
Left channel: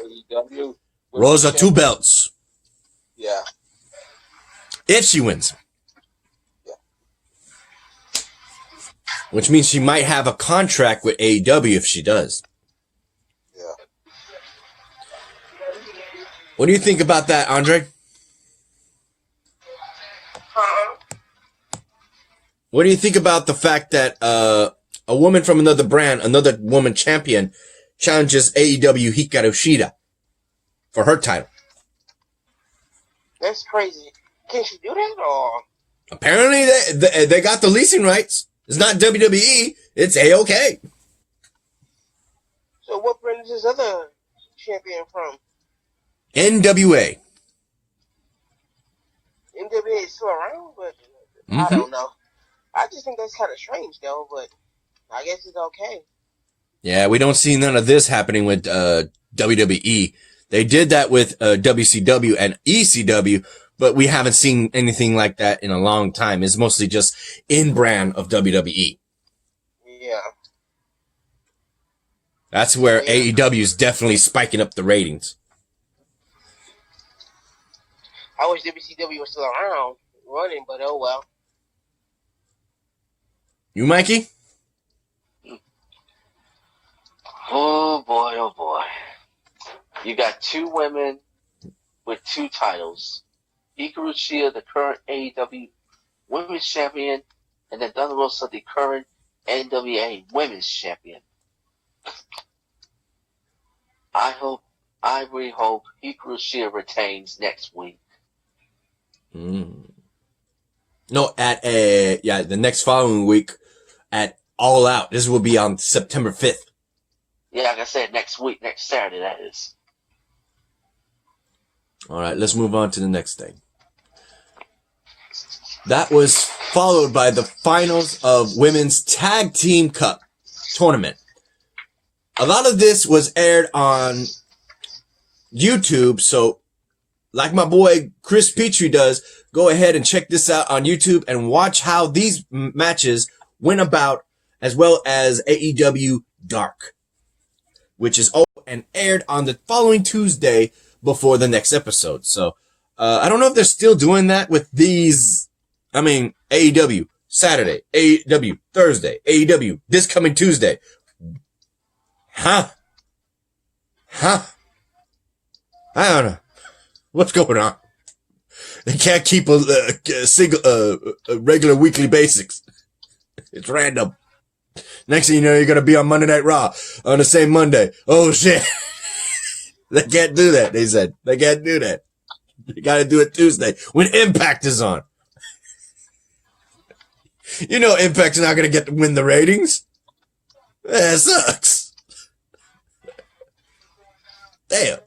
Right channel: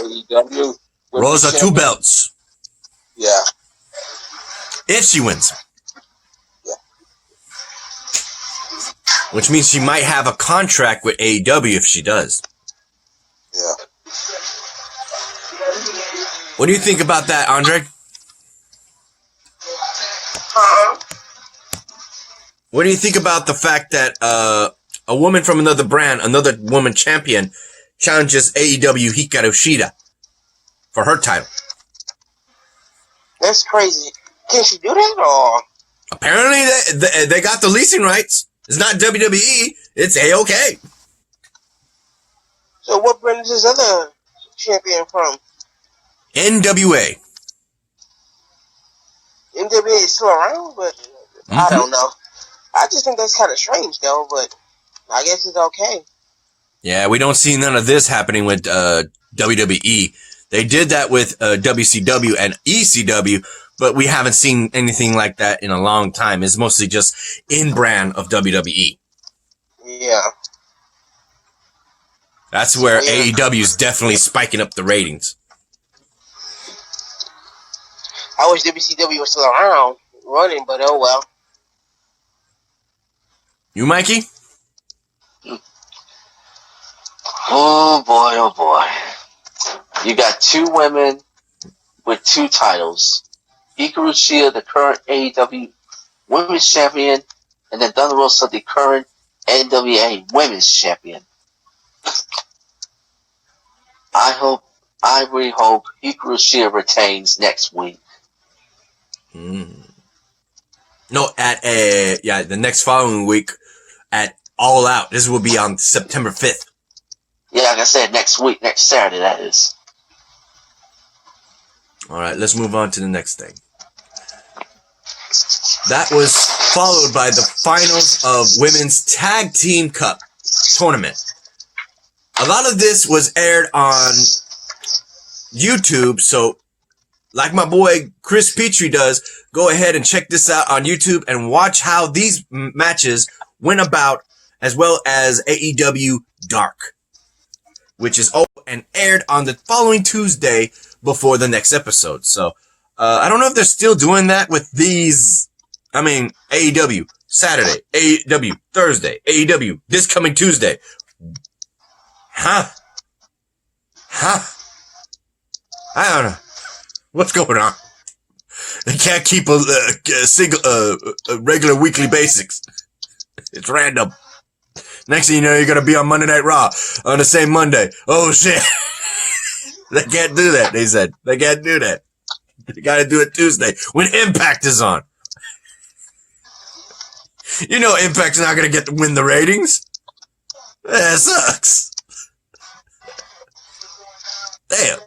AEW Rosa, 2 belts. Yeah. If she wins. Yeah. Which means she might have a contract with AEW if she does. Yeah. What do you think about that, Andre? What do you think about the fact that a woman from another brand, another woman champion, challenges AEW Hikaru Shida for her title? That's crazy. Can she do that, or? Apparently, they got the leasing rights. It's not WWE. It's AOK. So what brand is this other champion from? NWA. NWA is still around, but I don't know. I just think that's kind of strange, though, but I guess it's okay. Yeah, we don't see none of this happening with WWE. They did that with WCW and ECW, but we haven't seen anything like that in a long time. It's mostly just in-brand of WWE. Yeah. That's where AEW is definitely spiking up the ratings. I wish WCW was still around, running, but oh well. You, Mikey? Oh boy, oh boy. You got 2 women with 2 titles. Hikaru Shida, the current AEW Women's Champion, and then Thunder Rosa, the current NWA Women's Champion. I really hope Hikaru Shida retains next week. No, the next following week at All Out. This will be on September 5th. Yeah, like I said, next week, next Saturday, that is. All right, let's move on to the next thing. That was followed by the finals of Women's Tag Team Cup tournament. A lot of this was aired on YouTube, so like my boy Chris Petrie does, go ahead and check this out on YouTube and watch how these matches went about, as well as AEW Dark, which is open and aired on the following Tuesday before the next episode. So, I don't know if they're still doing that with these. I mean, AEW Saturday, AEW Thursday, AEW this coming Tuesday. I don't know. What's going on? They can't keep a regular weekly basics. It's random. Next thing you know, you're going to be on Monday Night Raw on the same Monday. Oh, shit. They can't do that, they said. They can't do that. They got to do it Tuesday when Impact is on. You know Impact's not going to get to win the ratings. That sucks. Damn.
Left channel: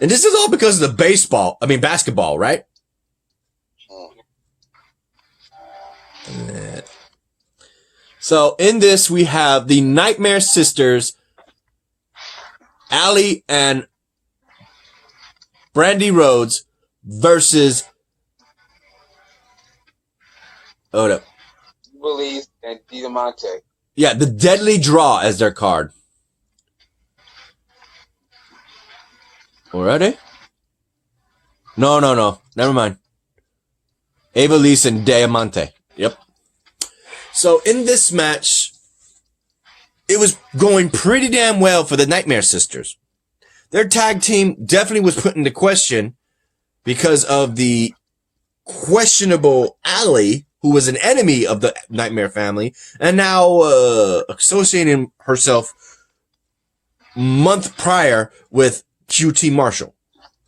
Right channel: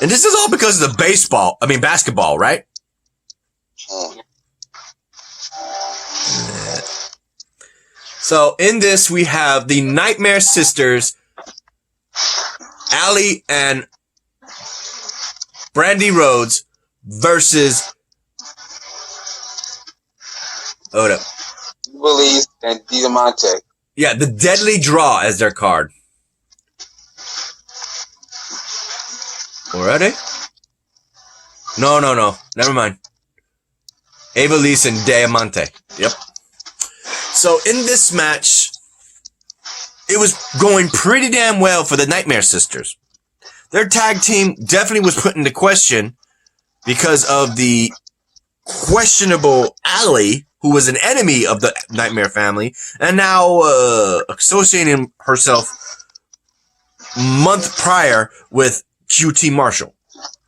And this is all because of the basketball, right? So in this, we have the Nightmare Sisters, Allie and Brandy Rhodes versus... Hold up. Willis and Diamante. Yeah, the Deadly Draw as their card. Or are they? No. Never mind. Evilise and Diamante. Yep. So in this match, it was going pretty damn well for the Nightmare Sisters. Their tag team definitely was put into question because of the questionable Allie, who was an enemy of the Nightmare family, and now associating herself month prior with QT Marshall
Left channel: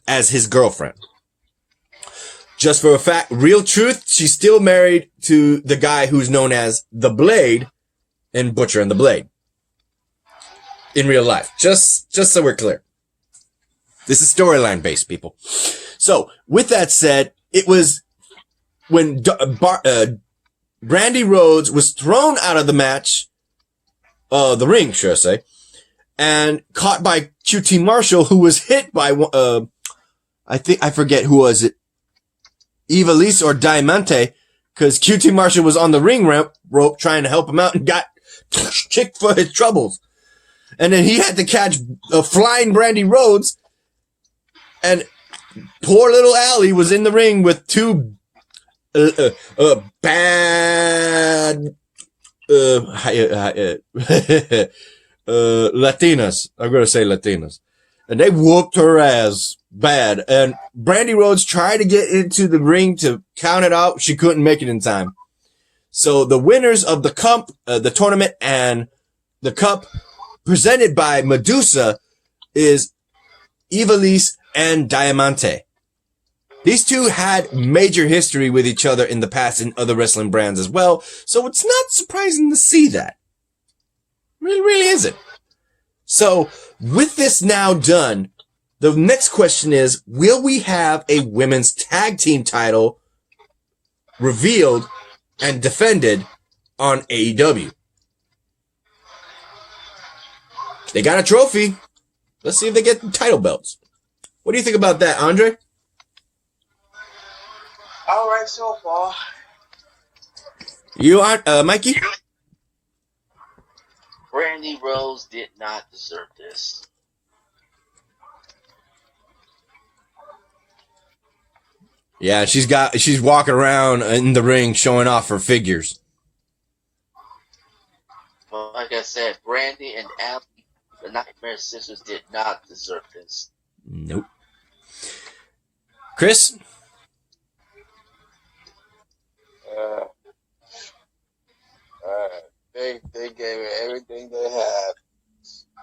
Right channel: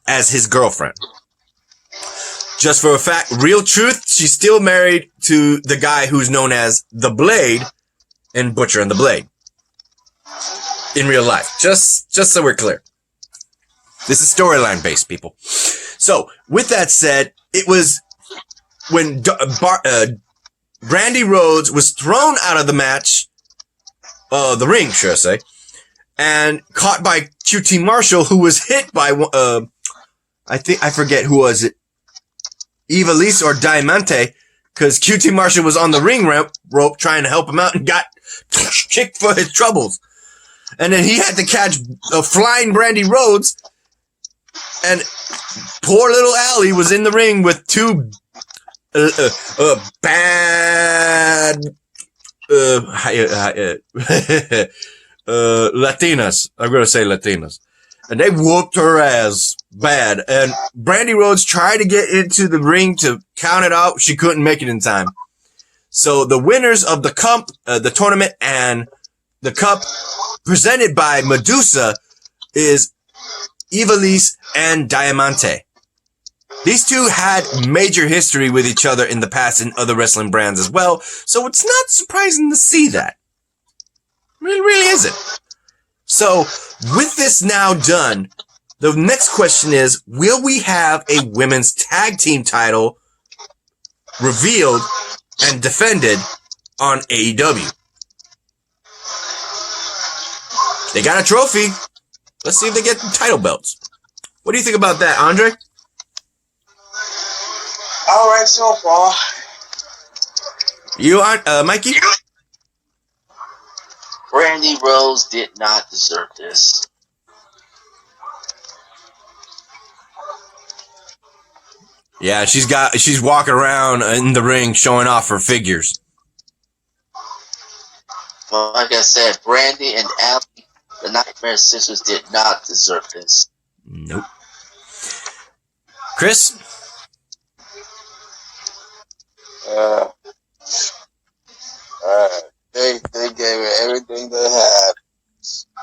as his girlfriend. Just for a fact, real truth, she's still married to the guy who's known as The Blade in Butcher and the Blade. In real life. Just so we're clear. This is storyline based, people. So, with that said, it was when Brandy Rhodes was thrown out of the match, the ring, should I say, and caught by QT Marshall, who was hit by, I forget who was it, Ivelisse or Diamante, because QT Marshall was on the ring rope trying to help him out and got kicked for his troubles. And then he had to catch a flying Brandy Rhodes, and poor little Allie was in the ring with two bad Latinas. I'm going to say Latinas. And they whooped her ass bad. And Brandy Rhodes tried to get into the ring to count it out. She couldn't make it in time. So the winners of the cup, the tournament and the cup presented by Medusa is Ivelisse and Diamante. These two had major history with each other in the past in other wrestling brands as well. So it's not surprising to see that. It really isn't. So, with this now done, the next question is, will we have a women's tag team title revealed and defended on AEW? They got a trophy. Let's see if they get the title belts. What do you think about that, Andre? All right, so far. You on, Mikey? Brandy Rose did not deserve this. Yeah, she's walking around in the ring showing off her figures. Well, like I said, Brandy and Allie, the Nightmare Sisters, did not deserve this. Nope. Chris? They gave it everything they had.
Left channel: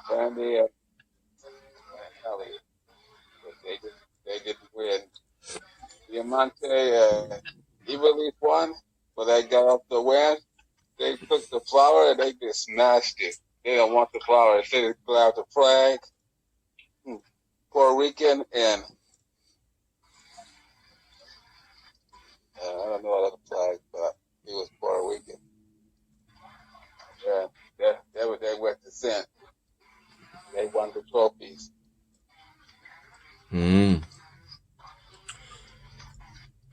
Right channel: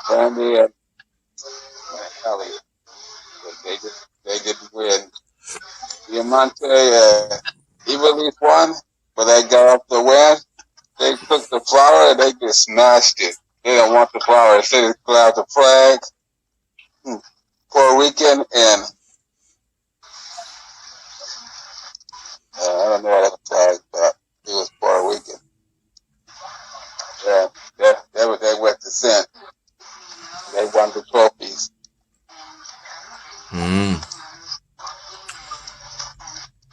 Brandy and Allie. They didn't win. Diamante, Ivelisse won, but they got up the win. They took the flower and they just smashed it. They don't want the flower. They just put out the flag. Puerto Rican and I don't know what other flag, but it was Puerto Rican. Yeah, that was their represent. They won the trophies.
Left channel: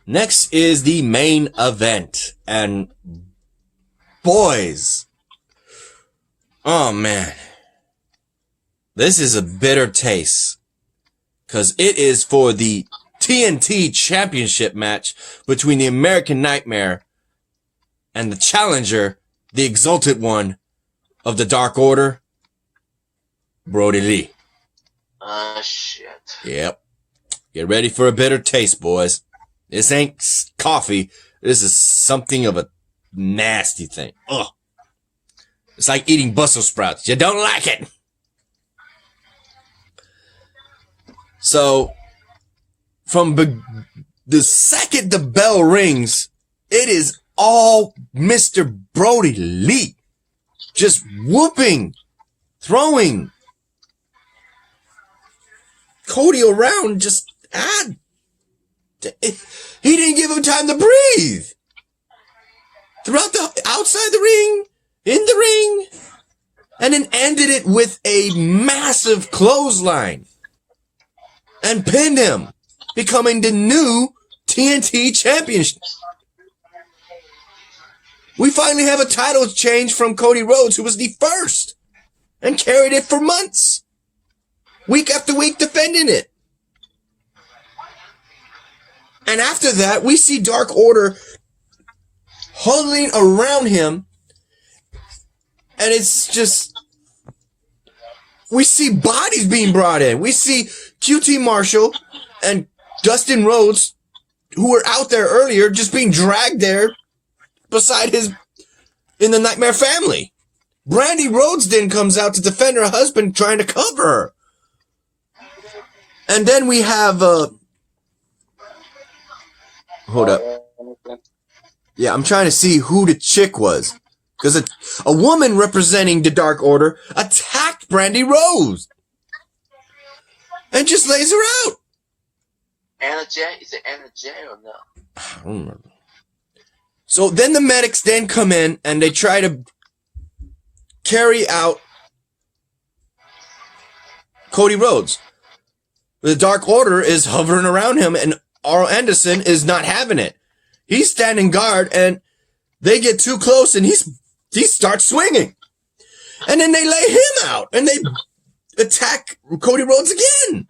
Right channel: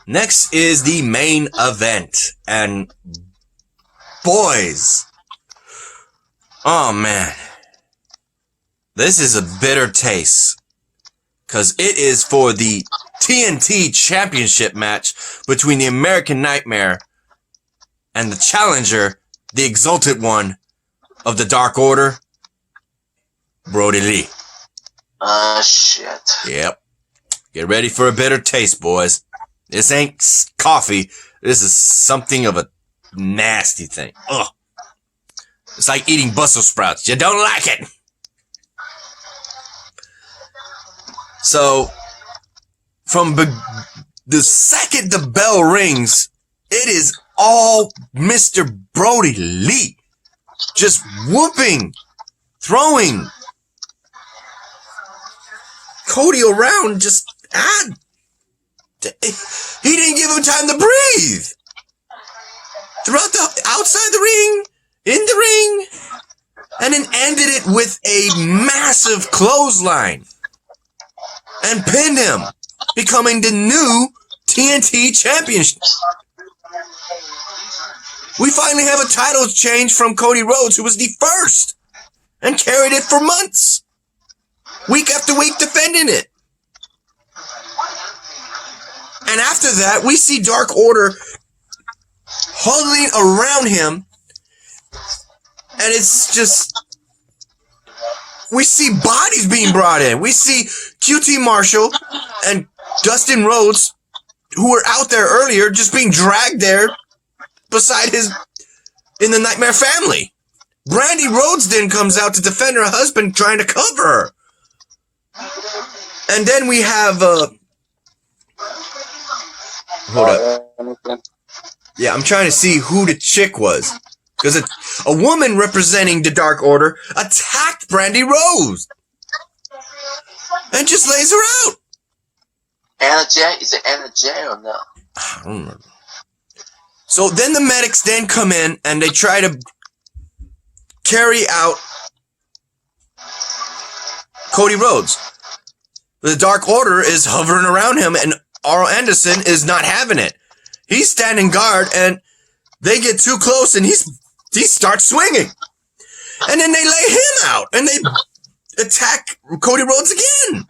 Next is the main event. And boys, oh man, this is a bitter taste. Because it is for the TNT Championship match between the American Nightmare and the challenger, the exalted one of the Dark Order, Brody Lee. Shit. Yep. Get ready for a bitter taste, boys. This ain't coffee. This is something of a nasty thing. Ugh. It's like eating Brussels sprouts. You don't like it. So, from the second the bell rings, it is all Mr. Brody Lee. Just whooping, throwing Cody around, he didn't give him time to breathe. Throughout the outside the ring, in the ring, and then ended it with a massive clothesline and pinned him, becoming the new TNT Champion. We finally have a title change from Cody Rhodes, who was the first, and carried it for months, week after week, defending it. And after that, we see Dark Order huddling around him, and it's just, we see bodies being brought in. We see QT Marshall and Dustin Rhodes, who were out there earlier, just being dragged there beside in the Nightmare Family. Brandy Rhodes then comes out to defend her husband, trying to cover her. And then we have, hold up. Yeah, I'm trying to see who the chick was. Because a woman representing the Dark Order attacked Brandy Rhodes. And just lays her out. Anna J? Is it Anna J or no? I don't remember. So then the medics then come in and they try to carry out Cody Rhodes. The Dark Order is hovering around him and Arl Anderson is not having it. He's standing guard and they get too close and he starts swinging. And then they lay him out and they attack Cody Rhodes again.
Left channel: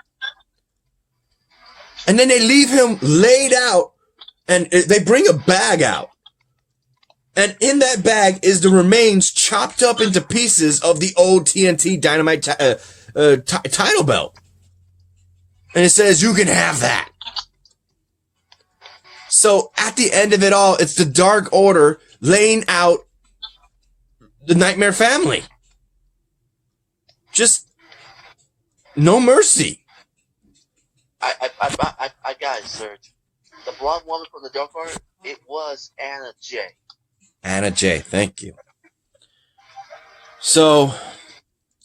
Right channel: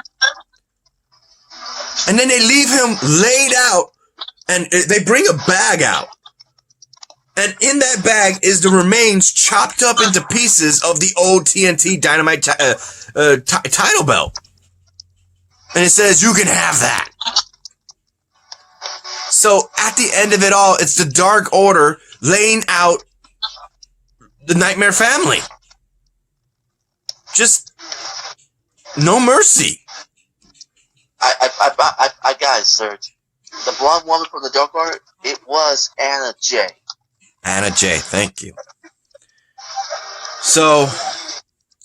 And then they leave him laid out and they bring a bag out. And in that bag is the remains chopped up into pieces of the old TNT Dynamite title belt. And it says, you can have that. So at the end of it all, it's the Dark Order laying out the Nightmare Family. Just no mercy. I got it, Serge. The blonde woman from the Dark Order, it was Anna J. Anna J, thank you. So,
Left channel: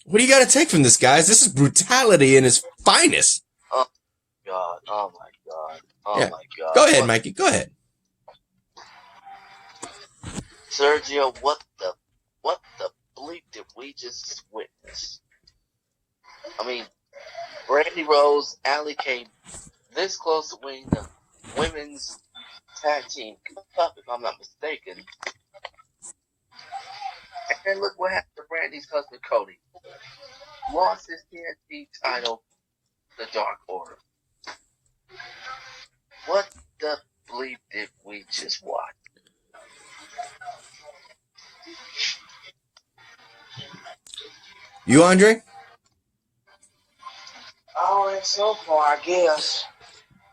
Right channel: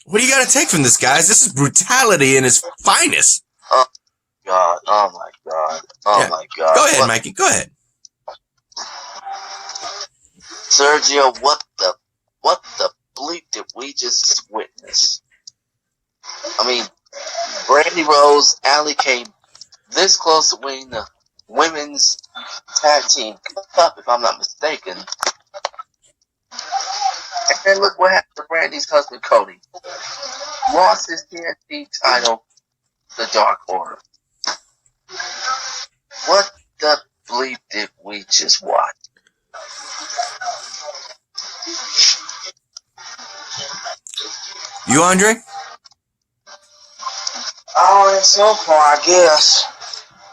what do you got to take from this, guys? This is brutality in its finest. Oh, God. Oh, my God. Oh, yeah. My God. Go ahead, Mikey. Go ahead. Sergio, what the bleep did we just witness? I mean, Brandy Rose, Allie came this close to winning the women's tag team cup, if I'm not mistaken. And then look what happened to Brandy's husband, Cody. Lost his TNT title, the Dark Order. What the bleep did we just watch? You, Andre? Oh, so far, I guess.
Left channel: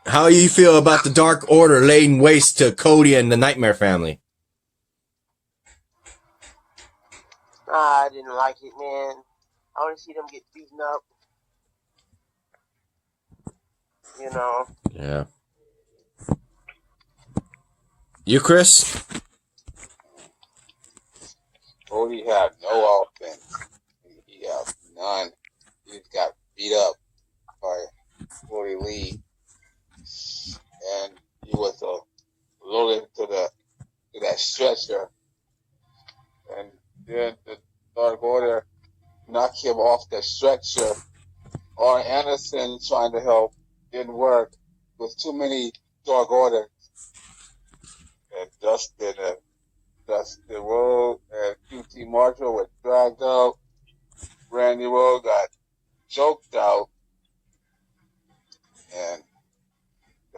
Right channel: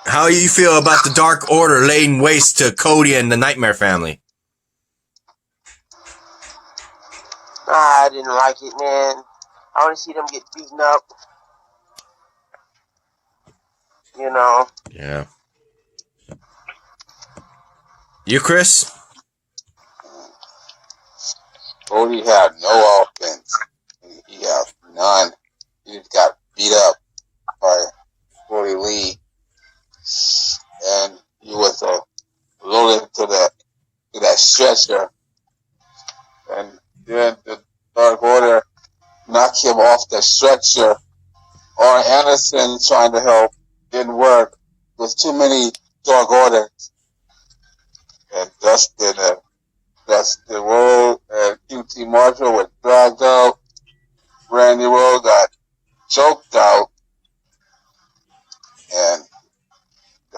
How do you feel about the Dark Order laying waste to Cody and the Nightmare Family? I didn't like it, man. I want to see them get beaten up. You know. Yeah. You, Chris? Cody had no offense. He had none. He just got beat up by Cody Lee. And he was loaded to that stretcher. And then the Dark Order knocked him off the stretcher. Arn Anderson trying to help didn't work. There's too many Dark Orders. And Dustin Rhodes and QT Marshall were dragged out. Brandy Rhodes got choked out. And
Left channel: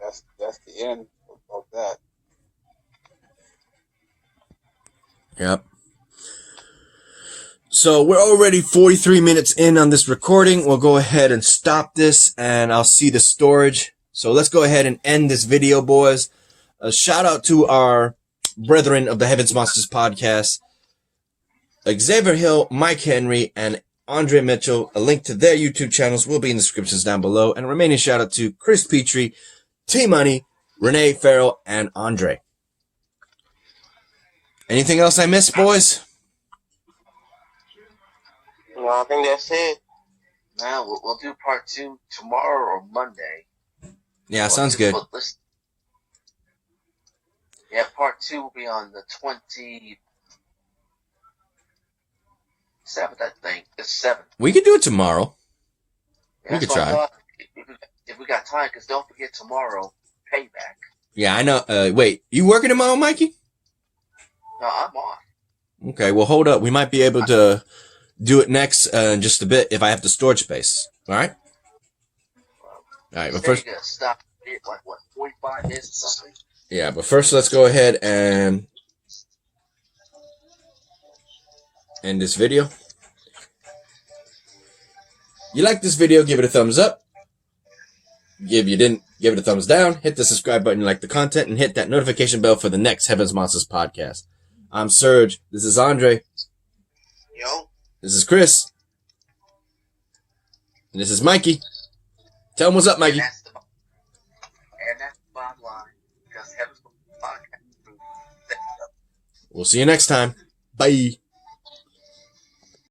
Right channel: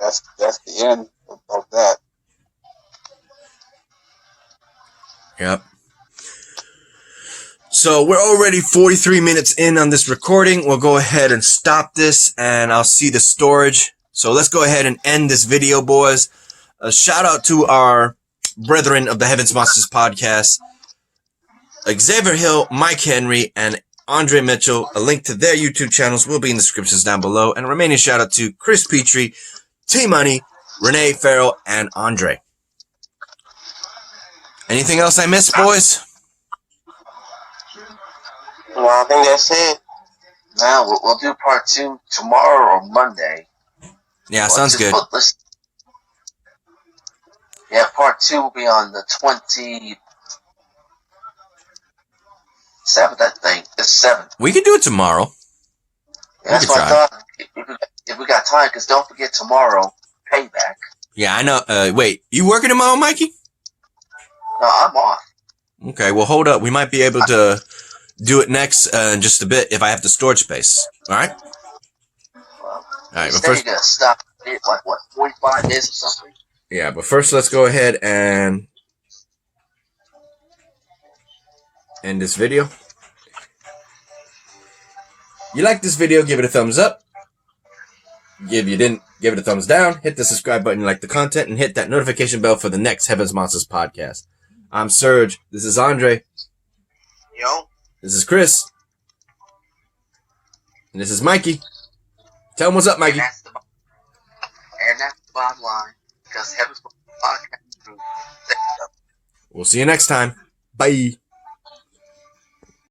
that's the end of that. Yep. So we're already 43 minutes in on this recording. We'll go ahead and stop this and I'll see the storage. So let's go ahead and end this video, boys. A shout out to our brethren of the Heavens Monsters podcast, Xavier Hill, Mike Henry, and Andre Mitchell. A link to their YouTube channels will be in the descriptions down below. And a remaining shout out to Chris Petrie, T-Money, Renee Farrell, and Andre. Anything else I missed, boys? No, I think that's it. Now, we'll do part 2 tomorrow or Monday. Yeah, sounds good. Yeah, part 2 will be on the 27th, I think. The 7th. We can do it tomorrow. Yeah, that's what I thought. If we got time, because don't forget tomorrow, Payback. Yeah, I know. Wait, you working tomorrow, Mikey? No, I'm off. Okay, well, hold up. We might be able to do it next in just a bit if I have the storage space. All right? Well, All right, but you're first, going to stop it like, 45 days or something? yeah, but first let's go ahead and end this video. You like this video, give it a thumbs up. If you didn't, give it a thumbs down, hit the subscribe button, like the content, and hit that notification bell for the next Heaven's Monsters podcast. I'm Serge. This is Andre. Yo. This is Chris. And this is Mikey. Tell him what's up, Mikey. That's the bottom line. Because Heaven's Monsters podcast. We'll see you next time. Bye.